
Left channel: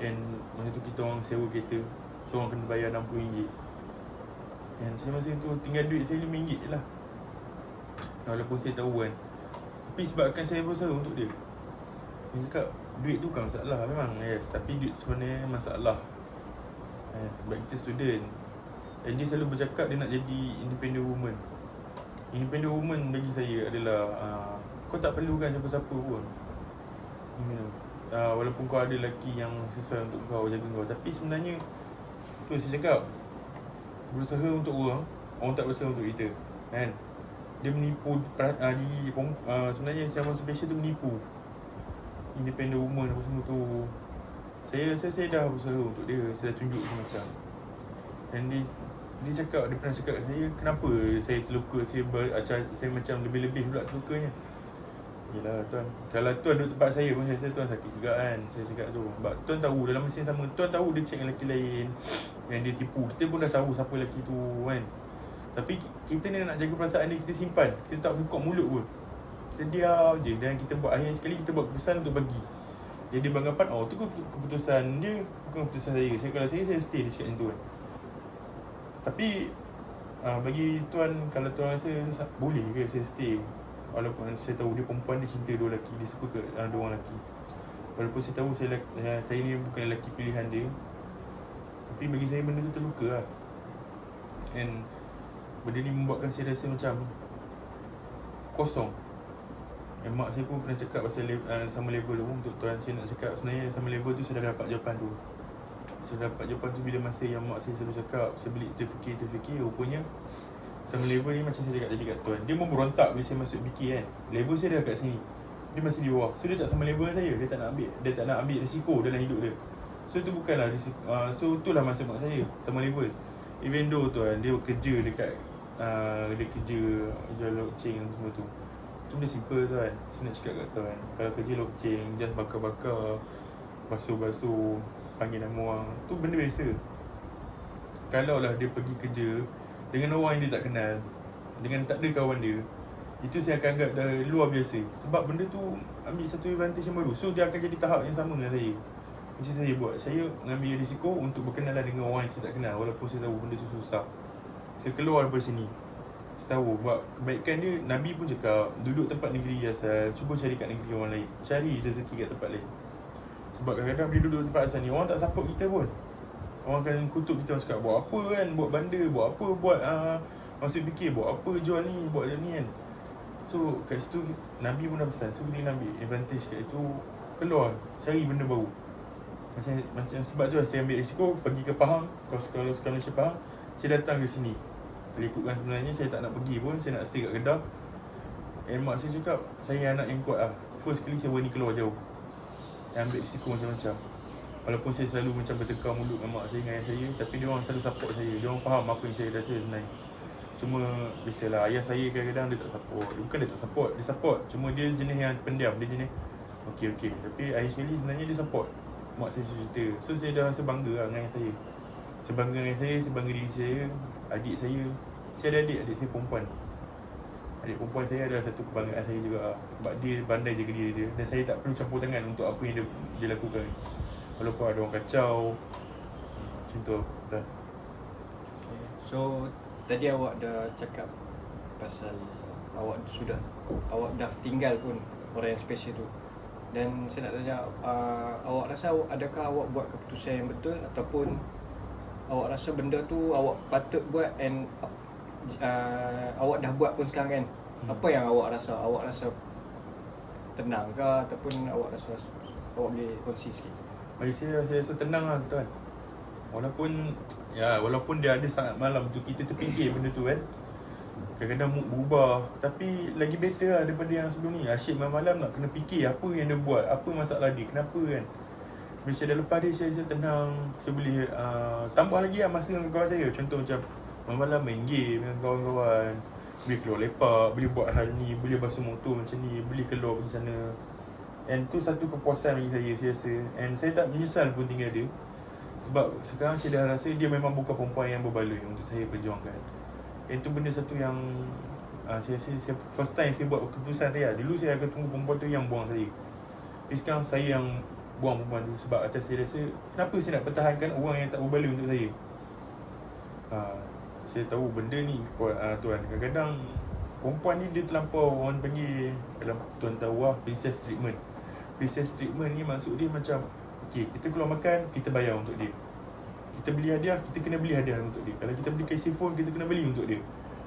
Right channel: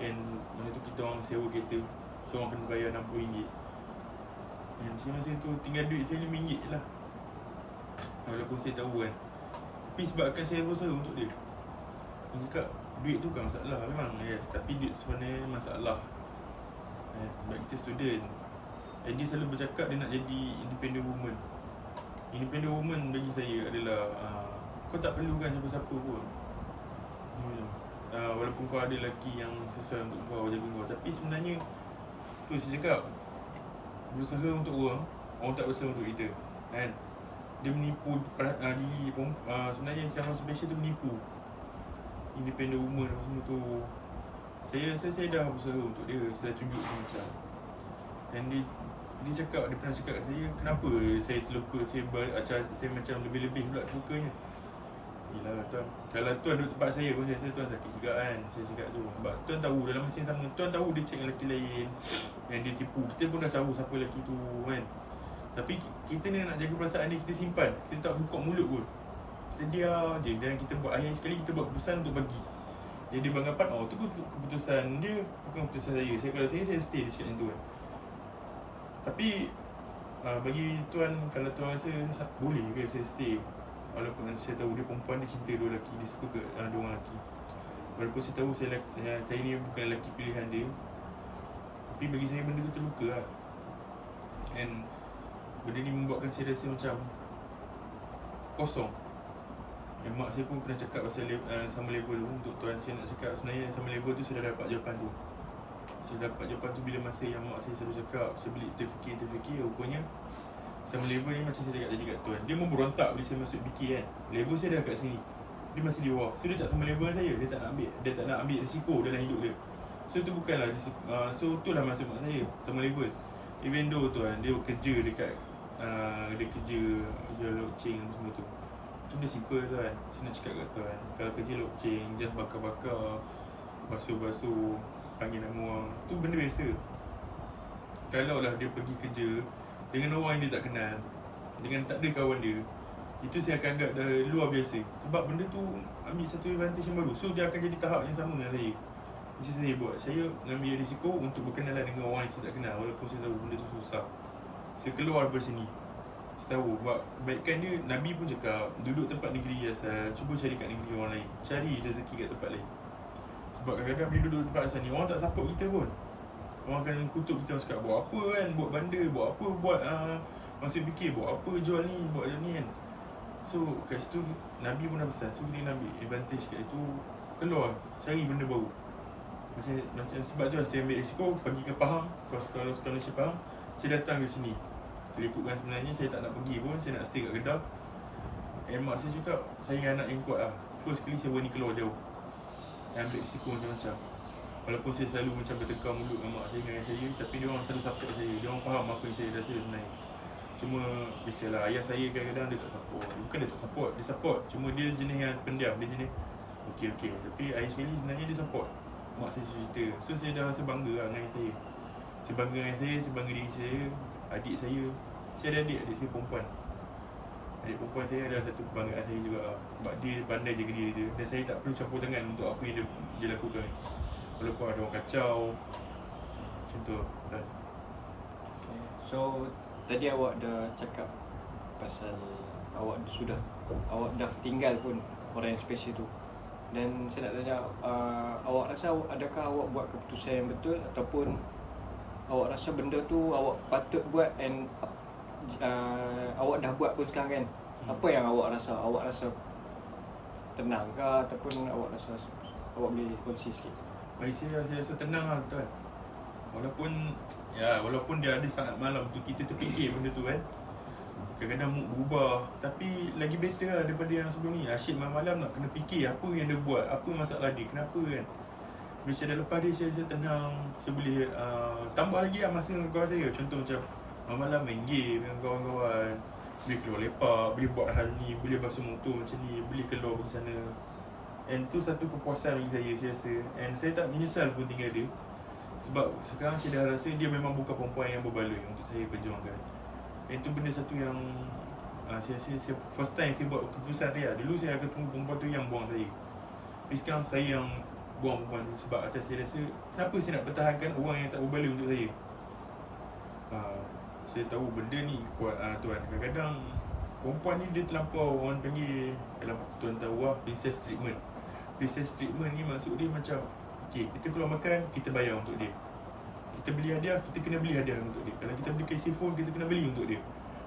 And masa tu kita orang sewa kereta, so orang kena bayar RM60. Dan saya masa tu tinggal duit saya RM5 je lah. Walaupun saya tahu kan, tapi sebabkan saya berusaha untuk dia. Dia cakap duit tu bukan masalah, memang yes, tapi duit sebenarnya masalah. Sebab kita student, and dia selalu bercakap dia nak jadi independent woman. Independent woman bagi saya adalah kau tak perlukan siapa-siapa pun. walaupun kau ada lelaki yang sesuai untuk kau, jaga kau, tapi sebenarnya tu saya cakap, berusaha untuk orang tak berusaha untuk kita, kan? Dia menipu sebenarnya yang special tu menipu. Independent woman apa semua tu. Saya rasa saya dah berusaha untuk dia, saya dah tunjuk macam. Dan dia pernah cakap kat saya, kenapa saya terluka, saya macam lebih-lebih pula terlukanya. Yelah tuan, kalau tuan duduk tempat saya pun saya rasa tuan sakit juga kan. Saya cakap tu, sebab tuan tahu dalam mesin sama, tuan tahu dia check lelaki lain yang dia tipu. Kita pun dah tahu siapa lelaki tu kan. Tapi kita ni nak jaga perasaan dia, kita simpan. Kita tak buka mulut pun, kita diam je. Dan kita buat, akhir sekali kita buat keputusan untuk bagi. Jadi dia beranggapan, tu keputusan dia, bukan keputusan saya. Kalau saya stay di situ kan. Tapi bagi tuan, kalau tuan rasa boleh ke saya stay, walaupun saya tahu dia perempuan, dia cinta dua lelaki, dia suka ke dua orang lelaki. Walaupun saya tahu saya ni bukan lelaki pilihan dia, tapi bagi saya benda tu terluka lah. And benda ni membuatkan saya rasa macam kosong. Dan mak saya pun pernah cakap pasal sama level tu. Untuk tuan, saya nak cakap sebenarnya sama level tu saya dah dapat jawapan tu. Saya dapat jawapan tu bila masa yang mak saya selalu cakap, saya beli terfikir, rupanya sama level ni macam saya cakap tadi kat tuan, dia memberontak bila saya masuk fikir kan. Level saya dah kat sini, dia masih di bawah. So dia tak sama level dengan saya, dia tak nak ambil risiko dalam hidup dia. So tu bukanlah risiko, so itulah masa mak saya sama level. Even though tuan, dia kerja dekat dia kerja jual loceng semua tu. Tu dia simple tuan. Saya nak cakap kat tuan, kalau kerja loceng, just bakar-bakar, basuh-basuh, panggil nama orang, tu benda biasa. Kalau lah dia pergi kerja dengan orang yang dia tak kenal, dengan tak ada kawan dia, itu saya akan anggap dah luar biasa. Sebab benda tu ambil satu advantage yang baru. So dia akan jadi tahap yang sama dengan saya. Macam saya buat, saya mengambil risiko untuk berkenalan dengan orang yang saya tak kenal, walaupun saya tahu benda tu susah. Saya keluar daripada sini, saya tahu buat kebaikan dia. Nabi pun cakap, duduk tempat negeri asal, cuba cari kat negeri orang lain, cari rezeki kat tempat lain. Sebab kadang-kadang bila duduk tempat asal ni, orang tak support kita pun. Orang akan kutuk kita, orang cakap buat apa kan, buat banda, buat apa, buat masih fikir buat apa, jual ni, buat ni kan. So kat situ Nabi pun dah pesan, so kita nak ambil advantage kat itu, keluar, cari benda baru. Macam sebab tu saya ambil risiko pergi ke Pahang. Kalau sekarang Malaysia Pahang, saya datang ke sini. Kalau ikutkan sebenarnya saya tak nak pergi pun, saya nak stay kat Kedah. Mak saya cakap, saya anak yang kuat lah. First kali saya berani keluar jauh, ambil risiko macam-macam. Walaupun saya selalu macam bertekar mulut dengan mak saya, dengan ayah saya, tapi dia orang selalu support saya. Dia orang faham apa yang saya rasa sebenarnya. Cuma biasalah, ayah saya kadang-kadang dia tak support. Bukan dia tak support, dia support. Cuma dia jenis yang pendiam, dia jenis okey. Tapi ayah sekali sebenarnya dia support. Mak saya cerita, so saya dah rasa bangga lah dengan ayah saya. Saya bangga dengan ayah saya bangga diri saya, adik saya. Saya ada adik saya perempuan. Adik perempuan saya adalah satu kebanggaan saya juga. Sebab dia pandai jaga diri dia, dan saya tak perlu campur tangan untuk apa yang dia lakukan. Walaupun ada orang kacau, macam tu. Okay. So tadi awak dah cakap pasal awak dah tinggal pun orang yang special tu. Dan saya nak tanya, awak rasa adakah awak buat keputusan yang betul, ataupun awak rasa benda tu awak patut buat and awak dah buat pun sekarang kan? Apa yang awak rasa? Awak rasa tenang ke, ataupun awak rasa awak boleh kongsi sikit? Bagi saya rasa tenang lah tuan. Walaupun dia ada sangat malam tu, kita terfikir benda tu kan. Kadang-kadang mood berubah, tapi lagi better lah daripada yang sebelum ni. Asyik malam-malam nak kena fikir apa yang dia buat, apa masalah dia, kenapa kan. Bila saya dah lepas dia, saya rasa tenang. Saya boleh tambah lagi lah masa dengan kawan saya. Contoh macam malam-malam main game dengan kawan-kawan, boleh keluar lepak, boleh buat hal ni, boleh basuh motor macam ni, boleh keluar pergi sana. And tu satu kepuasan bagi saya rasa. And saya tak menyesal pun tinggal dia. Sebab sekarang saya dah rasa dia memang bukan perempuan yang berbaloi untuk saya perjuangkan. Itu benda satu yang saya first time saya buat keputusan dia. Dulu saya akan tunggu perempuan tu yang buang saya, tapi sekarang saya yang buang perempuan tu. Sebab atas saya rasa, kenapa saya nak pertahankan orang yang tak berbaloi untuk saya. Saya tahu benda ni kuat tuan. Kadang-kadang perempuan ni dia terlampau, orang panggil, kalau tuan tahu lah, princess treatment. Princess treatment ni maksud dia macam, okay, kita keluar makan, kita bayar untuk dia. Kita beli hadiah, kita kena beli hadiah untuk dia. Kalau kita beli casing phone, kita kena beli untuk dia.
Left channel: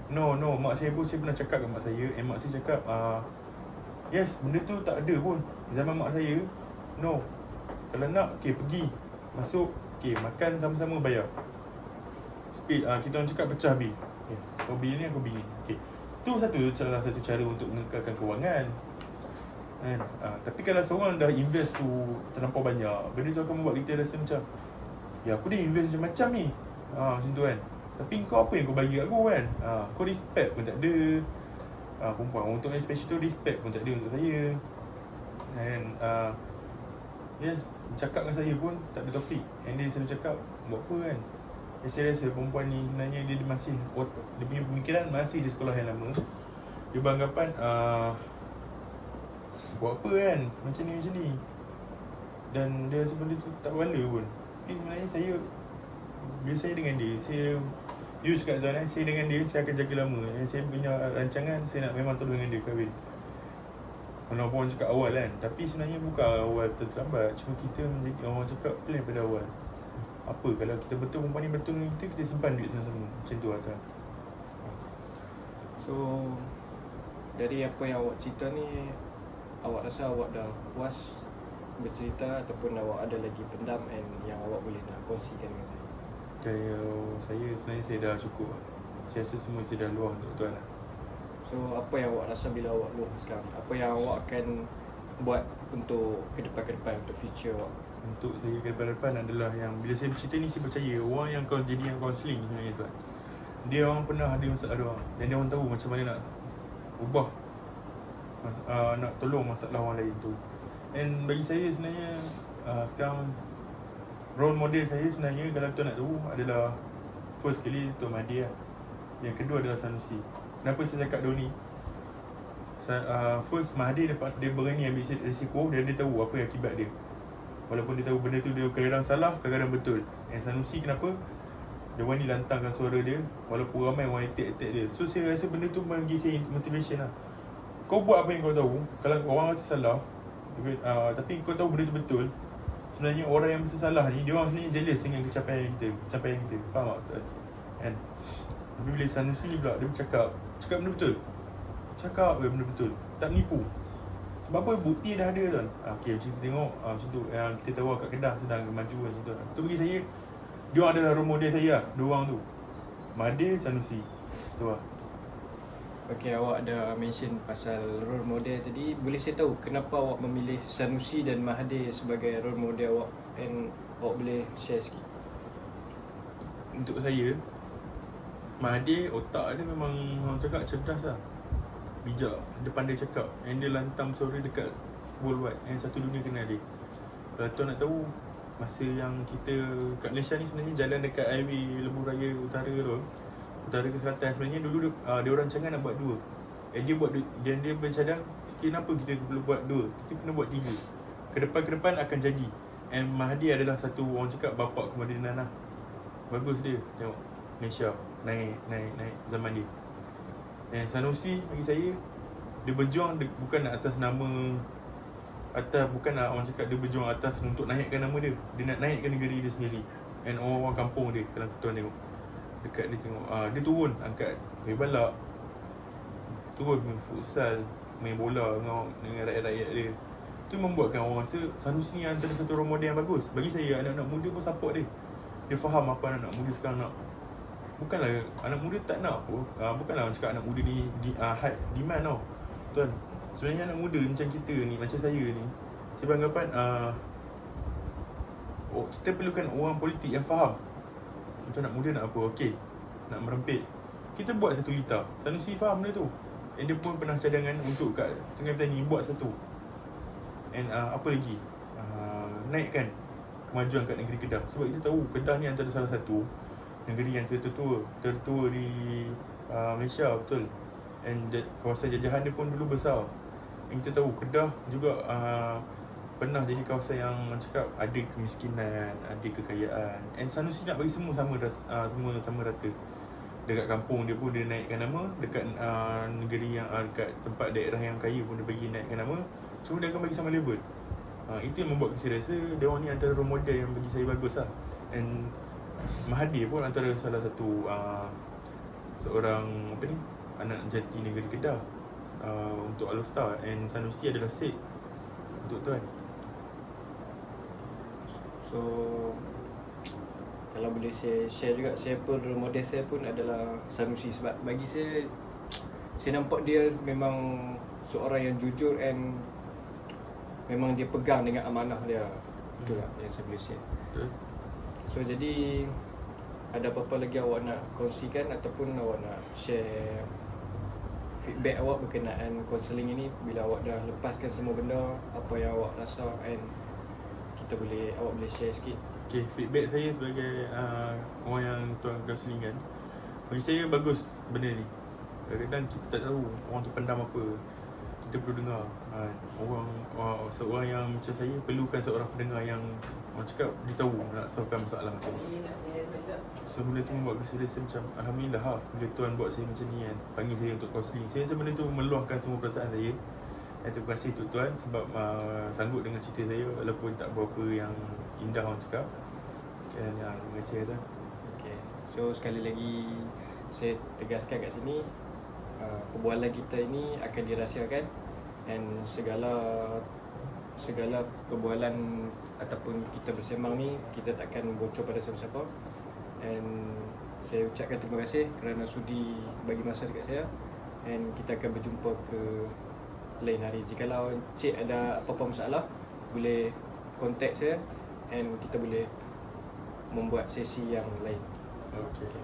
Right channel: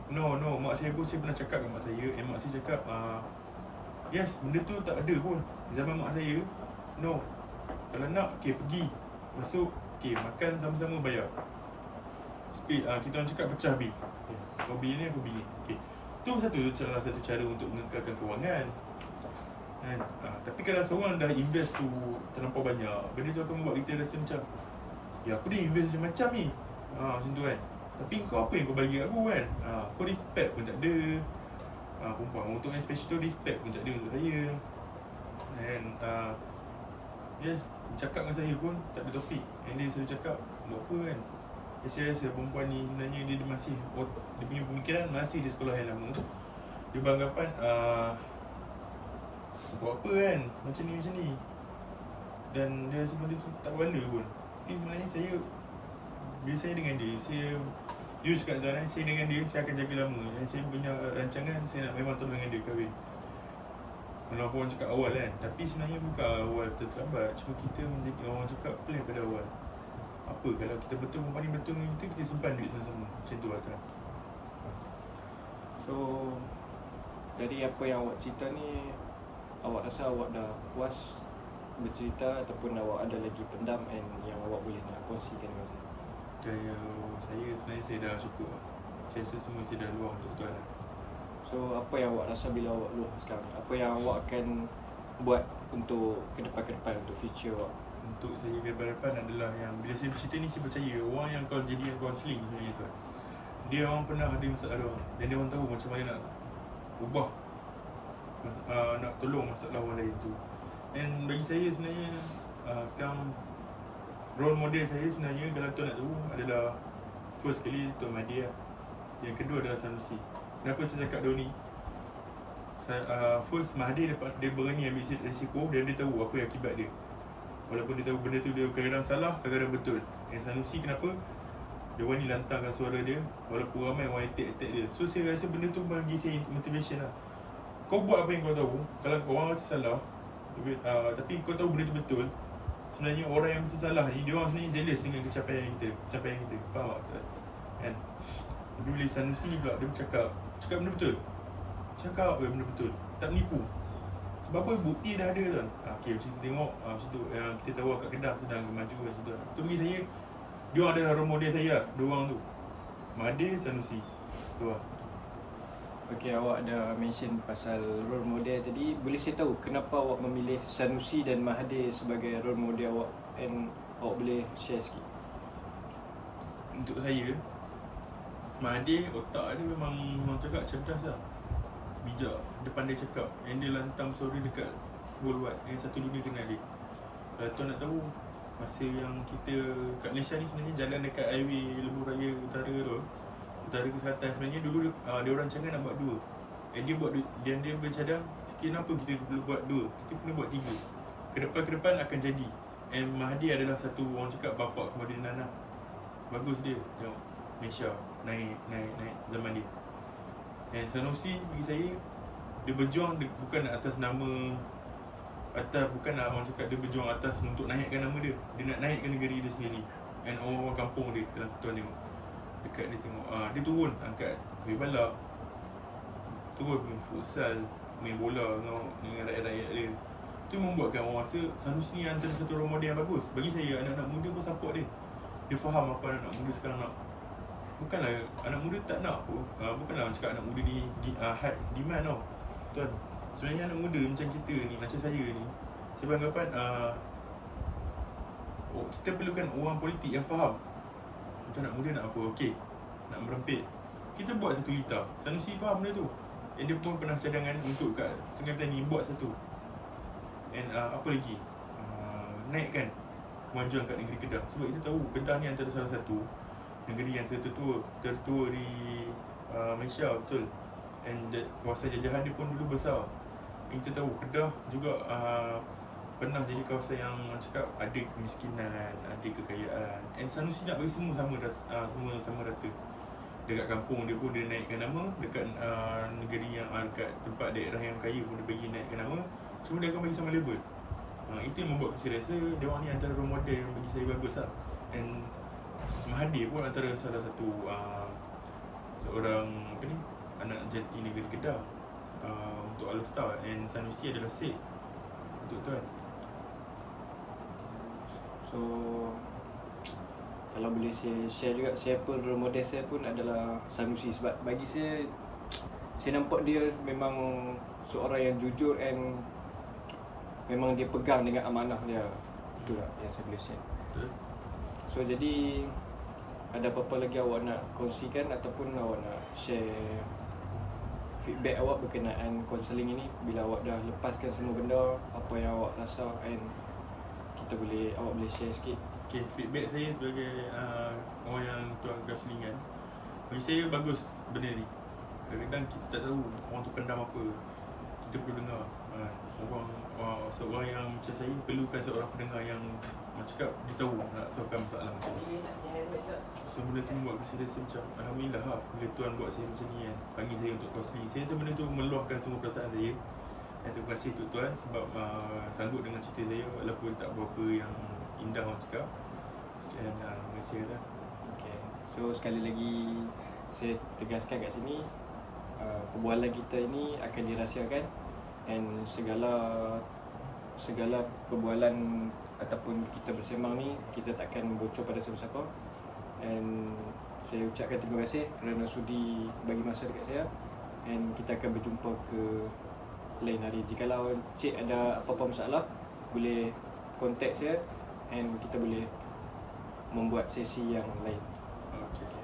No, mak saya pun, saya pernah cakap dengan mak saya, mak saya cakap, yes, benda tu tak ada pun. Zaman mak saya, No. Kalau nak, okay, pergi. Masuk, okay, makan sama-sama bayar. Kita orang cakap pecah bil. Okay, kau bil ni, aku bil ni. Okay. Tu salah satu cara untuk mengekalkan kewangan. Kan? Tapi kalau seorang dah invest tu terlampau banyak, benda tu akan membuat kita rasa macam, ya aku dah invest macam ni. Macam tu kan. Tapi kau apa yang kau bagi aku kan? Kau respect pun tak ada. Perempuan untuk especially tu respect pun tak ada untuk saya. And yes, cakap dengan saya pun tak ada topik. And dia selalu cakap, buat apa kan? Saya rasa perempuan ni sebenarnya dia masih dia punya pemikiran masih di sekolah yang lama. Dia beranggapan buat apa kan? Macam ni. Dan dia rasa benda tu tak berguna pun. Tapi sebenarnya bila saya dengan dia, you cakap tuan, saya dengan dia, saya akan jaga lama. Dan saya punya rancangan, saya nak memang terus dengan dia kahwin. Walaupun orang cakap awal kan, tapi sebenarnya bukan awal terlambat. Cuma kita menjadi orang cakap plan pada awal. Apa kalau kita betul perempuan ni betul dengan kita simpan duit sama-sama. Macam tu tuan. So dari apa yang awak cerita ni, awak rasa awak dah puas bercerita ataupun awak ada lagi pendam yang awak boleh nak kongsikan dengan saya? Saya sebenarnya saya dah cukup. Saya rasa semua saya dah luar untuk tuan. So apa yang awak rasa bila awak luar sekarang? Apa yang awak akan buat untuk ke depan untuk future awak? Untuk saya ke depan adalah yang bila saya bercerita ni, saya percaya orang yang kau jadi yang counselling sebenarnya tuan, dia orang pernah ada masalah dia orang, dan dia orang tahu macam mana nak ubah, nak tolong masalah orang lain tu. And bagi saya sebenarnya sekarang role model saya sebenarnya, kalau tuan nak tahu, adalah first kali Tuan Mahathir lah. Yang kedua adalah Sanusi. Kenapa saya cakap dua ni? First, Mahathir dia berani ambil risiko dan dia tahu apa yang akibat dia. Walaupun dia tahu benda tu dia kadang-kadang salah, kadang-kadang betul. And Sanusi kenapa? Dia berani lantangkan suara dia walaupun ramai orang attack dia. So saya rasa benda tu bagi saya motivation lah. Kau buat apa yang kau tahu. Kalau orang rasa salah, tapi kau tahu benda tu betul, sebenarnya orang yang mesti salah ni, dia orang sebenarnya jealous dengan pencapaian kita. Faham tak? Kan? Tapi bila Sanusi ni pula, dia cakap benda betul. Cakap benda betul, tak nipu. Sebab apa? Bukti dah ada tuan. Okay, macam kita tengok macam tu, yang kita tahu kat Kedah sedang maju macam tu. Tu bagi saya, dia orang adalah role model saya lah, dua orang tu, Mahathir, Sanusi. Tu lah. Okay, awak ada mention pasal role model tadi. Boleh saya tahu kenapa awak memilih Sanusi dan Mahathir sebagai role model awak? And awak boleh share sikit? Untuk saya, Mahathir otak dia memang orang cakap cerdas lah, bijak, dia pandai cakap. And dia lantang suara dekat worldwide, yang satu dunia kenal dia. Kalau tuan nak tahu, masa yang kita kat Malaysia ni sebenarnya jalan dekat highway Lebuh Raya Utara tu, Utara ke Selatan, sebenarnya dulu dia orang rancangan nak buat dua. Dia buat dan dia bercadang, kenapa kita perlu buat dua, kita kena buat tiga. Ke depan akan jadi. And Mahathir adalah satu orang cakap bapak kemadinan lah. Bagus dia tengok Malaysia naik zaman dia. And Sanusi bagi saya, dia berjuang bukan atas nama, bukan nak orang cakap dia berjuang atas untuk naikkan nama dia. Dia nak naikkan negeri dia sendiri. And orang-orang kampung dia, kalau tuan tengok dekat dia tengok, dia turun angkat kayu balak, turun main futsal, main bola dengan rakyat-rakyat dia. Itu membuatkan orang rasa Sanusi ni antara satu role model yang bagus. Bagi saya, anak-anak muda pun support dia. Dia faham apa anak muda sekarang nak. Bukanlah anak muda tak nak pun, bukanlah orang cakap anak muda ni high demand tau tuan. Sebenarnya anak muda macam kita ni, macam saya ni, saya beranggapan kita perlukan orang politik yang faham macam anak muda nak apa. Okay, nak merempit, kita buat satu litar. Sanusi faham benda tu. And dia pun pernah cadangan untuk kat Sungai Petani buat satu. And apa lagi, naikkan kemajuan kat negeri Kedah. Sebab kita tahu Kedah ni antara salah satu negeri yang tertua di Malaysia, betul. And kawasan jajahan dia pun dulu besar. And kita tahu Kedah juga pernah jadi kawasan yang cakap ada kemiskinan, ada kekayaan. And Sanusi nak bagi semua sama rata. Dekat kampung dia pun dia naikkan nama, dekat negeri yang dekat tempat daerah yang kaya pun dia bagi naikkan nama. Cuma dia akan bagi sama level. Itu yang membuat saya rasa dia orang ni antara role model yang bagi saya bagus lah. And Mahathir pun antara salah satu seorang anak jati negeri Kedah untuk All Star. And Sanusi adalah Sikh untuk tuan. So kalau boleh saya share juga, saya pun role model saya pun adalah Sanusi. Sebab bagi saya nampak dia memang seorang yang jujur and memang dia pegang dengan amanah dia. Itulah yang saya boleh share. Betul. So jadi ada apa-apa lagi awak nak kongsikan ataupun awak nak share feedback awak berkenaan counselling ini, bila awak dah lepaskan semua benda, apa yang awak rasa, and awak boleh share sikit. Okay, feedback saya sebagai orang yang tuan counselling kan, bagi saya bagus benda ni. Kadang-kadang kita tak tahu orang tu pendam apa, kita perlu dengar. Seorang yang macam saya perlukan seorang pendengar yang macam cakap dia tahu nak solvekan masalah macam ni. So benda tu membuat saya rasa macam alhamdulillah lah, bila tuan buat saya macam ni kan, panggil saya untuk counselling. Saya rasa benda tu meluahkan semua perasaan saya. Dan terima kasih untuk tuan sebab sanggup dengan cerita saya walaupun tak berapa yang indah orang cakap. Sekian yang terima kasih lah. Okay. So sekali lagi saya tegaskan kat sini, perbualan kita ini akan dirahsiakan, and segala perbualan ataupun kita bersembang ni kita takkan bocor pada siapa-siapa. And saya ucapkan terima kasih kerana sudi bagi masa dekat saya, and kita akan berjumpa ke lain hari. Jikalau Cik ada apa-apa masalah, boleh contact saya and kita boleh membuat sesi yang lain. Okay.